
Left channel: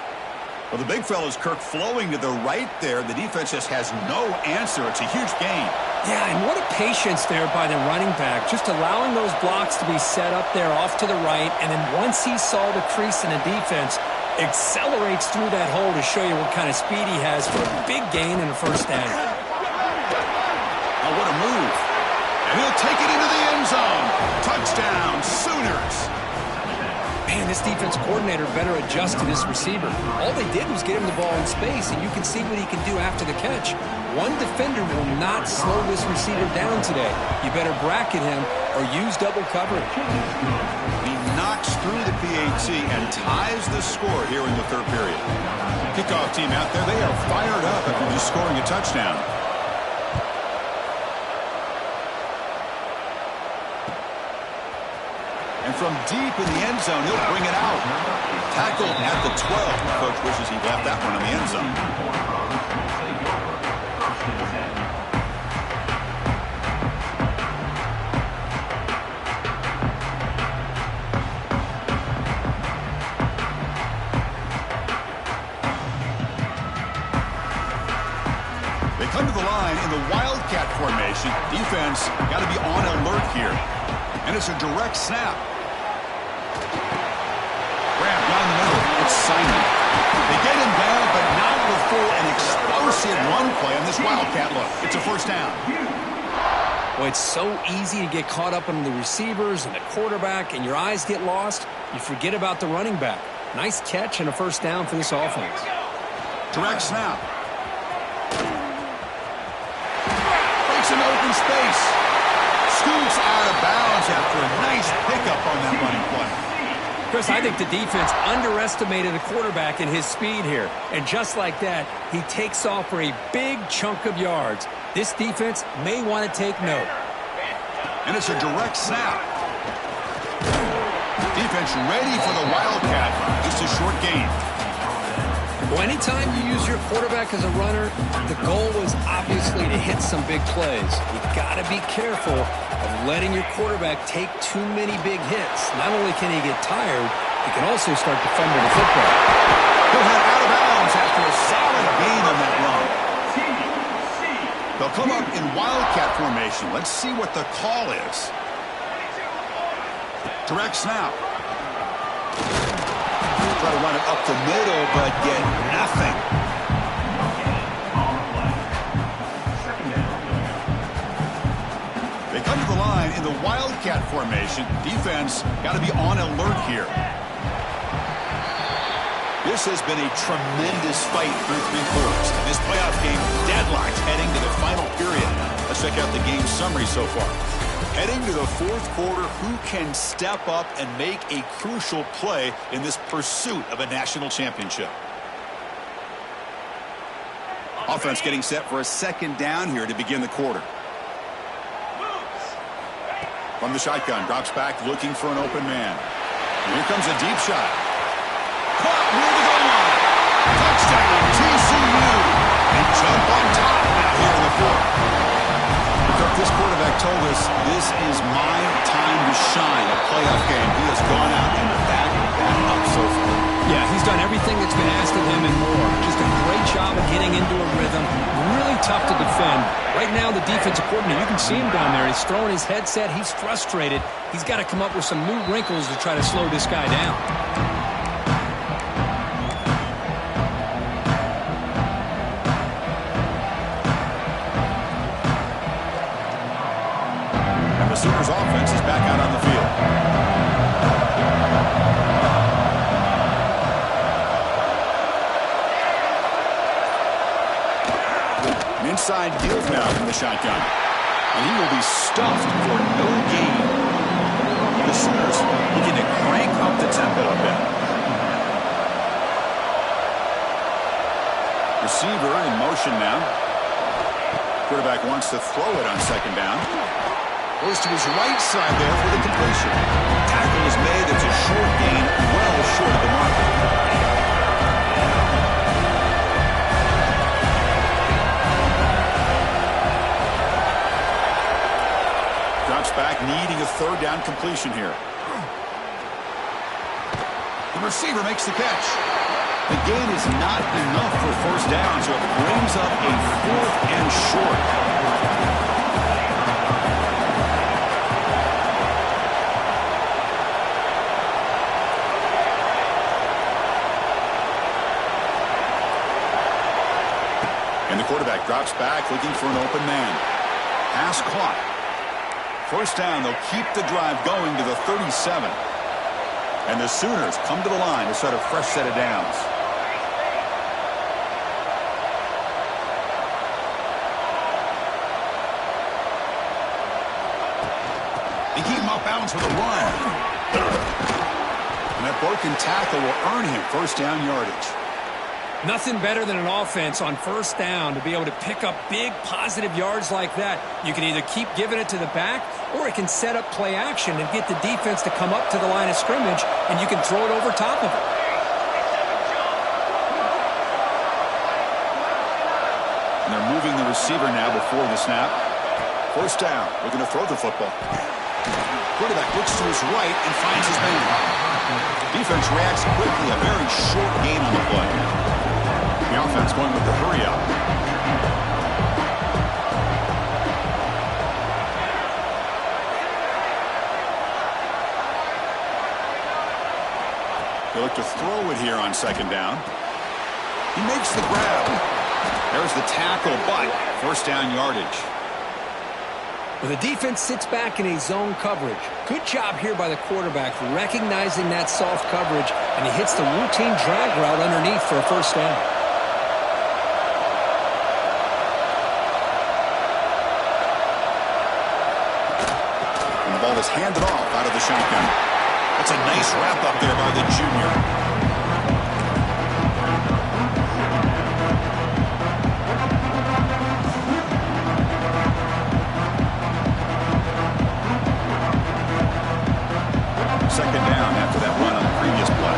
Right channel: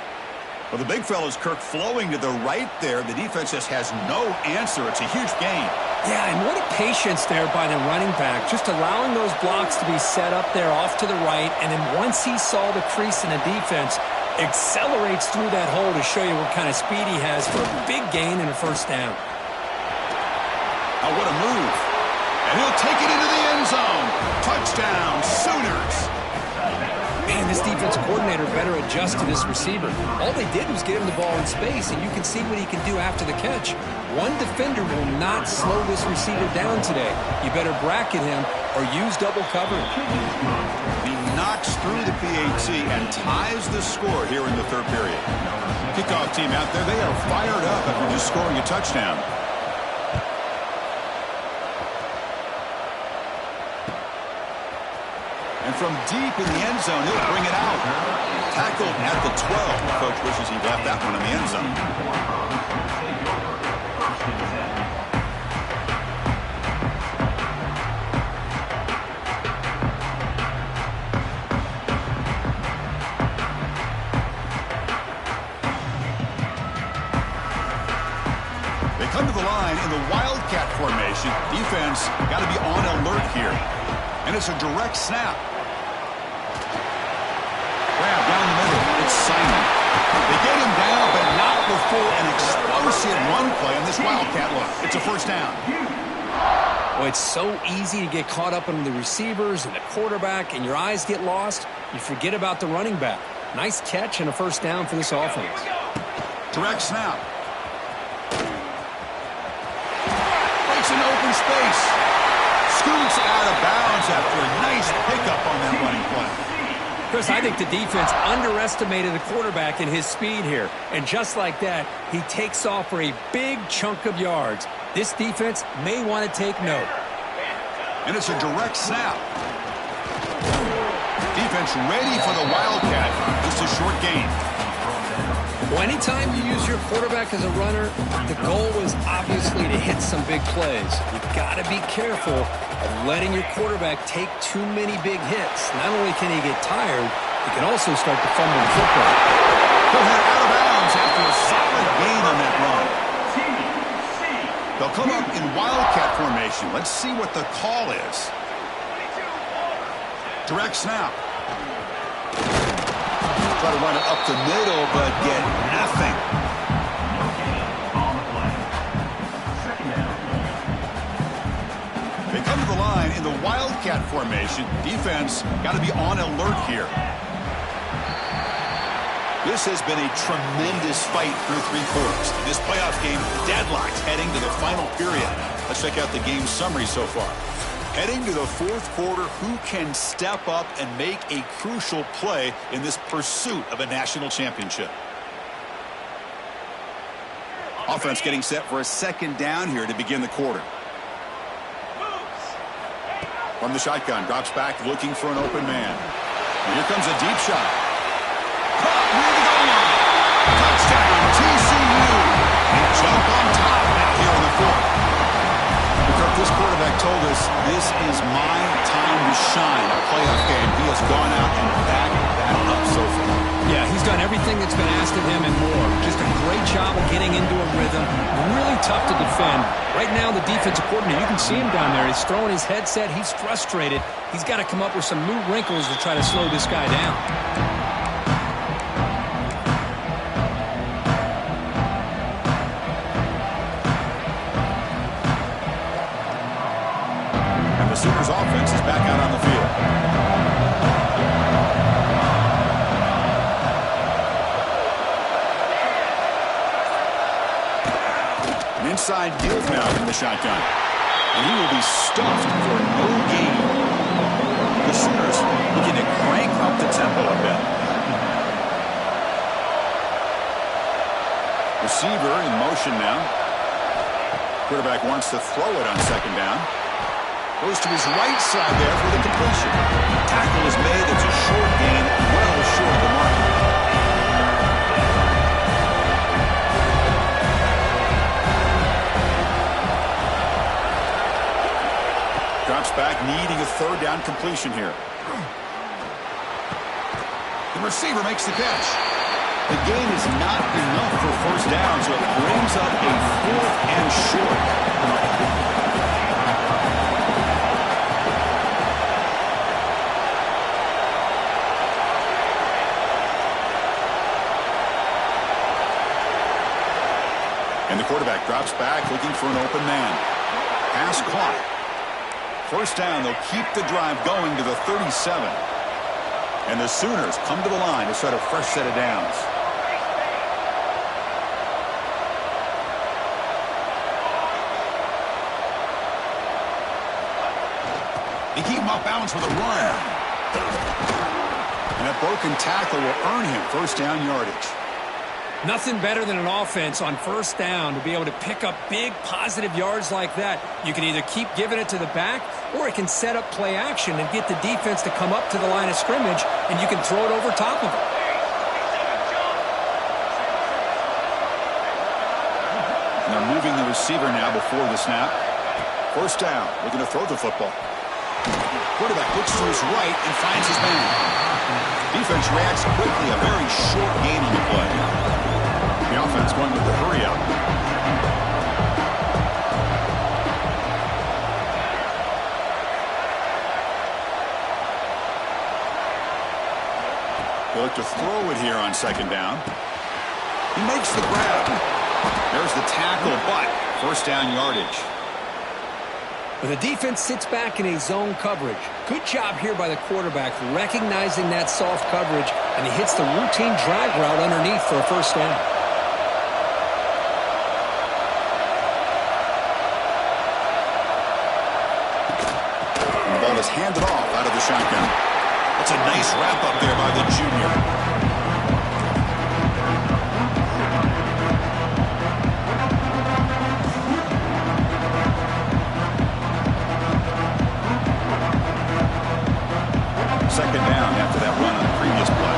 Well, the big fella's Kirk flowing to the right there. The defense just has no answer. It's a huge gain. Yeah, and what a patience there by the running back. Just allowing those blocks to be set up there off to the right. And then once he saw the crease in the defense, accelerates through that hole to show you what kind of speed he has for a big gain and a 1st down. Oh, what a move. And he'll take it into the end zone. Touchdown, Sooners. Man, this defense coordinator better adjust to this receiver. All they did was get him the ball in space, and you can see what he can do after the catch. One defender will not slow this receiver down today. You better bracket him or use double coverage. He knocks through the PAT and ties the score here in the 3rd period. Kickoff team out there, they are fired up after just scoring a touchdown. And And from deep in the end zone, he'll bring it out. Tackled at the 12. Coach wishes he left that one in the end zone. They come to the line in the Wildcat formation. Defense got to be on alert here. And it's a direct snap. Grab down the middle. It's Simon. They get him down, but not before an explosive run play on this Wildcat look. It's a first down. Well, it's so easy to get caught up in the receivers and the quarterback, and your eyes get lost. You forget about the running back. Nice catch and a first down for this offense. Direct snap. Breaks an open space. Scoots out of bounds after a nice pickup on that running play. Chris, I think the defense underestimated the quarterback in his speed here. And just like that, he takes off for a big chunk of yards. This defense may want to take note. And it's a direct snap. Defense ready for the Wildcat. Just a short gain. Well, anytime you use your quarterback as a runner, the goal is obviously to hit some big plays. You've got to be careful of letting your quarterback take too many big hits. Not only can he get tired, he can also start to fumble the football. He'll head out of bounds after a solid gain on that run. They'll come up in Wildcat formation. Let's see what the call is. Direct snap. Try to run it up the middle, but get nothing. They come to the line in the Wildcat formation. Defense got to be on alert here. This has been a tremendous fight through 3 quarters. This playoff game deadlocked heading to the final period. Let's check out the game summary so far. Heading to the 4th quarter, who can step up and make a crucial play in this pursuit of a national championship? Offense getting set for a second down here to begin the quarter. From the shotgun, drops back looking for an open man. And here comes a deep shot. Caught near the goal line. Touchdown, TCU. They jump on top now here in the 4th. This quarterback told us this is my time to shine, a playoff game. He has gone out and backed that up so far. Yeah, he's done everything that's been asked of him and more. Just a great job of getting into a rhythm. Really tough to defend. Right now, the defensive coordinator, you can see him down there. He's throwing his headset. He's frustrated. He's got to come up with some new wrinkles to try to slow this guy down. The Sooners offense is back out on the field. An inside give now from the shotgun. And he will be stuffed for no gain. The Sooners looking to crank up the tempo a bit. Receiver in motion now. Quarterback wants to throw it on second down. Goes to his right side there for the completion. Tackle is made. It's a short gain, well short of the mark. Drops back, needing a 3rd down completion here. The receiver makes the catch. The gain is not enough for first down, so it brings up a 4th and short. And the quarterback drops back, looking for an open man. Pass caught. First down, they'll keep the drive going to the 37. And the Sooners come to the line to set a fresh set of downs. They keep him off balance with a run. And that broken tackle will earn him first down yardage. Nothing better than an offense on first down to be able to pick up big positive yards like that. You can either keep giving it to the back, or it can set up play action and get the defense to come up to the line of scrimmage, and you can throw it over top of it. And they're moving the receiver now before the snap. First down, looking to throw the football. Quarterback looks to his right and finds his man. Defense reacts quickly, a very short gain on the play. The offense going with the hurry up. They look to throw it here on second down. He makes the grab. There's the tackle, but first down yardage. Well, the defense sits back in a zone coverage. Good job here by the quarterback recognizing that soft coverage, and he hits the routine drag route underneath for a first down. And the ball is handed off out of the shotgun. That's a nice wrap up there by the junior. Second down after that run on the previous play.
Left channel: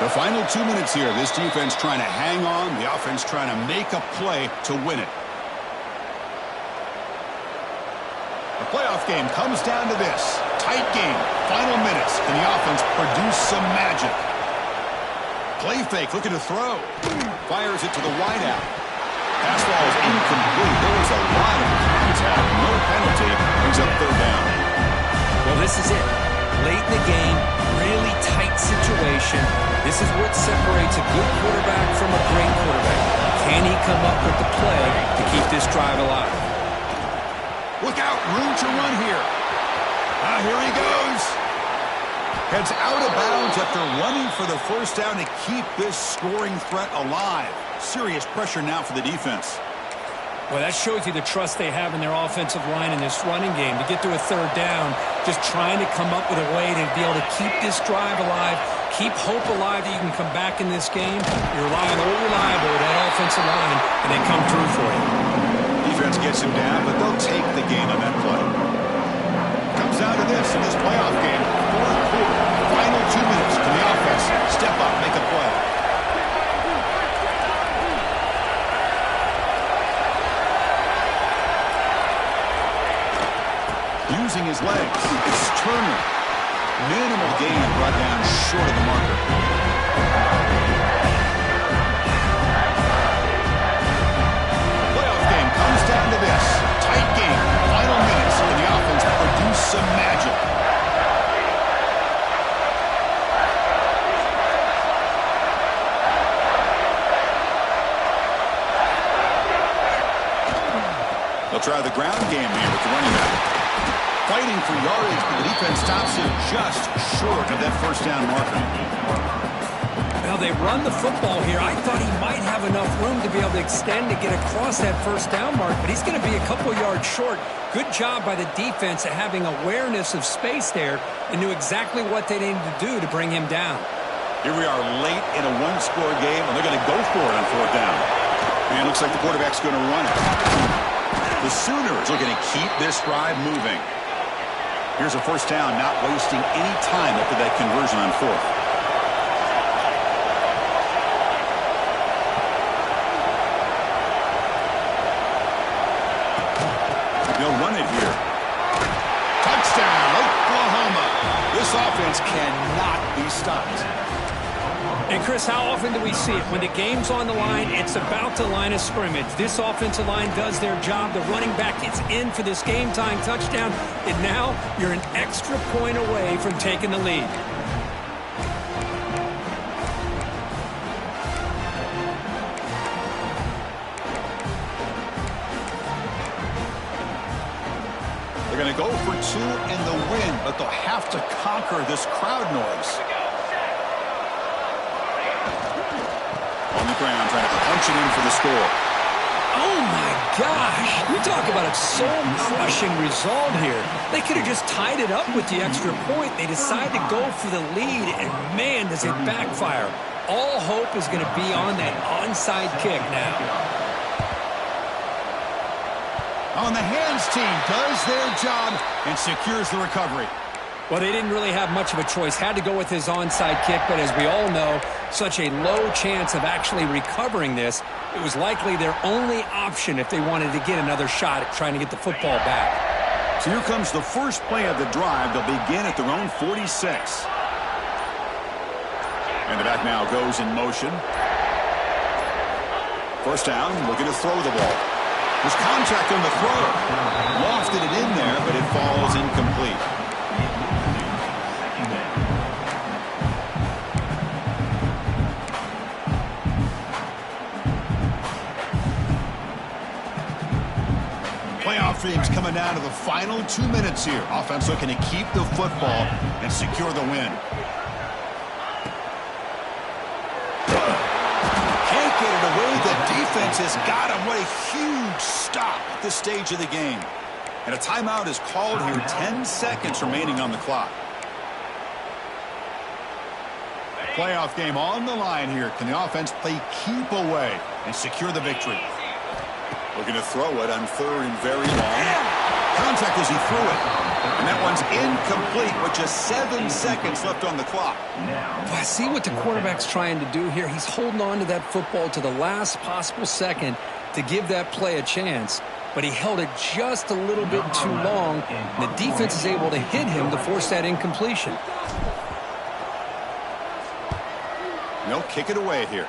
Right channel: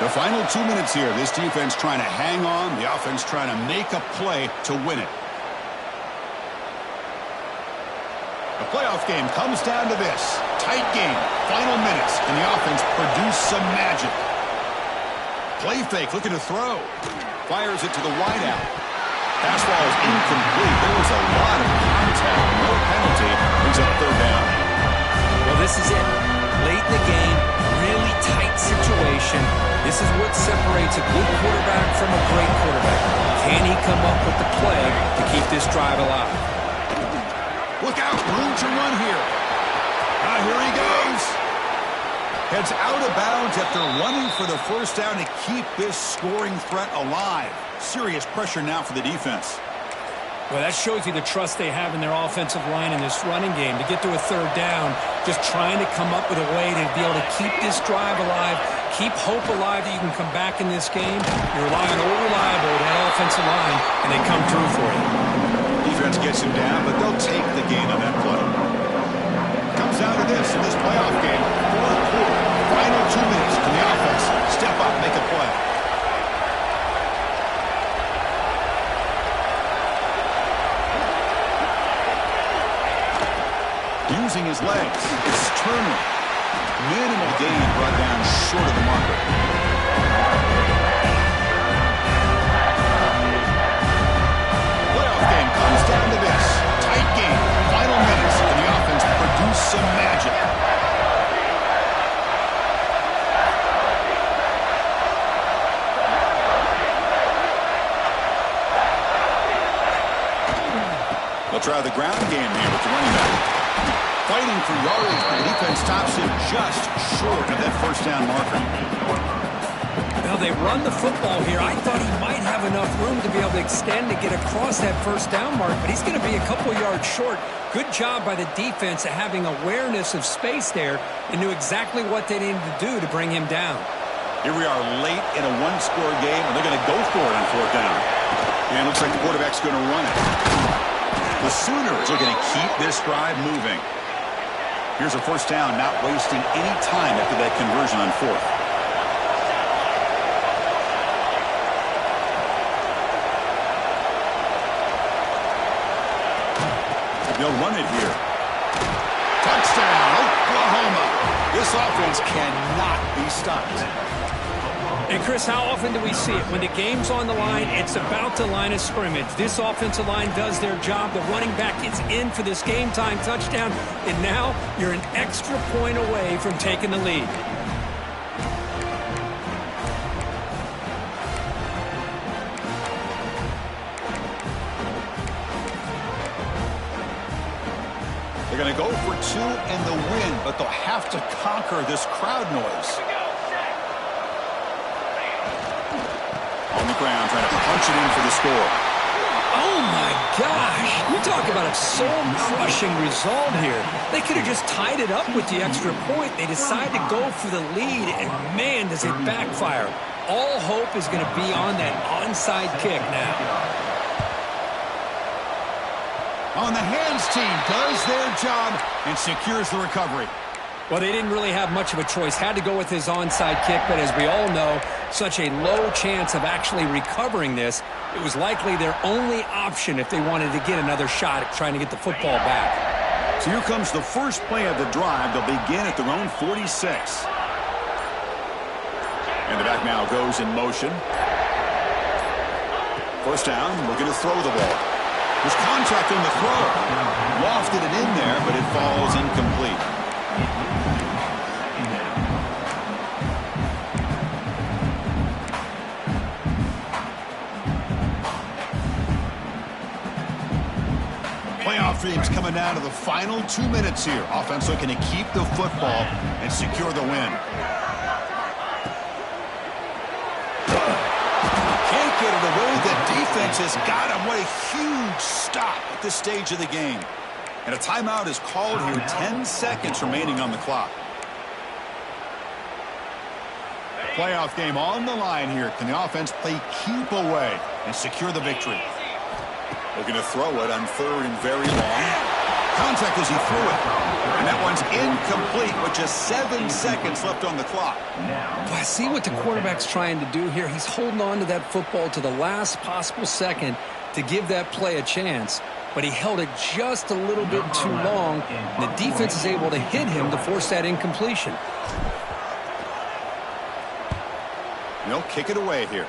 The final 2 minutes here. This defense trying to hang on. The offense trying to make a play to win it. The playoff game comes down to this. Tight game, final minutes, and the offense produced some magic. Play fake, looking to throw. Fires it to the wideout. Pass ball is incomplete. There was a lot of contact. No penalty. Brings up third down. Well, this is it. Late in the game, really tight situation. This is what separates a good quarterback from a great quarterback. Can he come up with the play to keep this drive alive? Look out, room to run here. Here he goes. Heads out of bounds after running for the first down to keep this scoring threat alive. Serious pressure now for the defense. Well, that shows you the trust they have in their offensive line in this running game. To get to a third down, just trying to come up with a way to be able to keep this drive alive, keep hope alive that you can come back in this game. You rely on old reliable, that offensive line, and they come through for you. Defense gets him down, but they'll take the gain on that play. Comes down to this in this playoff game. Fourth quarter, final 2 minutes. Can the offense step up, make a play? Using his legs, it's Turner. Minimal gain brought down short of the marker. Comes down to this. Tight game. Final minutes. And the offense produced some magic. They'll try the ground game here with the running back. Fighting for yardage, but the defense stops him just short of that first down marker. Well, they run the football here. I thought he might have enough room to be able to extend to get across that first down mark, but he's going to be a couple yards short. Good job by the defense of having awareness of space there and knew exactly what they needed to do to bring him down. Here we are late in a one-score game, and they're going to go for it on fourth down. And it looks like the quarterback's going to run it. The Sooners are going to keep this drive moving. Here's a first down, not wasting any time after that conversion on fourth. They'll run it here. Touchdown, Oklahoma. This offense cannot be stopped. And, Chris, how often do we see it? When the game's on the line, it's about the line of scrimmage. This offensive line does their job. The running back gets in for this game-time touchdown, and now you're an extra point away from taking the lead. They're going to go for two in the win, but they'll have to conquer this crowd noise. the ground, trying to punch it in for the score. Oh, my gosh. You talk about a soul-crushing result here. They could have just tied it up with the extra point. They decide to go for the lead, and, man, does it backfire. All hope is going to be on that onside kick now. On the hands team does their job and secures the recovery. Well, they didn't really have much of a choice. Had to go with his onside kick, but as we all know, such a low chance of actually recovering this. It was likely their only option if they wanted to get another shot at trying to get the football back. So here comes the first play of the drive. They'll begin at their own 46. And the back now goes in motion. First down, looking to throw the ball. There's contact on the throw. Lofted it in there, but it falls incomplete. Playoff dreams coming down to the final 2 minutes here. Offense looking to keep the football and secure the win. Can't get it away. The defense has got him. What a huge stop at this stage of the game. And a timeout is called here. 10 seconds remaining on the clock. Playoff game on the line here. Can the offense play keep away and secure the victory? Looking to throw it on third and very long. Contact as he threw it. And that one's incomplete with just 7 seconds left on the clock. Well, I see what the quarterback's trying to do here. He's holding on to that football to the last possible second to give that play a chance. But he held it just a little bit too long. And the defense is able to hit him to force that incompletion. And they'll kick it away here.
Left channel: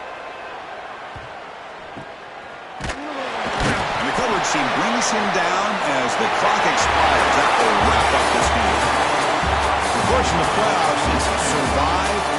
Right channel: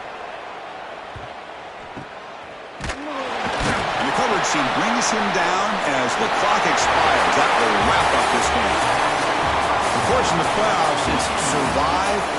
Coverage team brings him down as the clock expires. That will wrap up this game. Of course, in the playoffs, it's survive and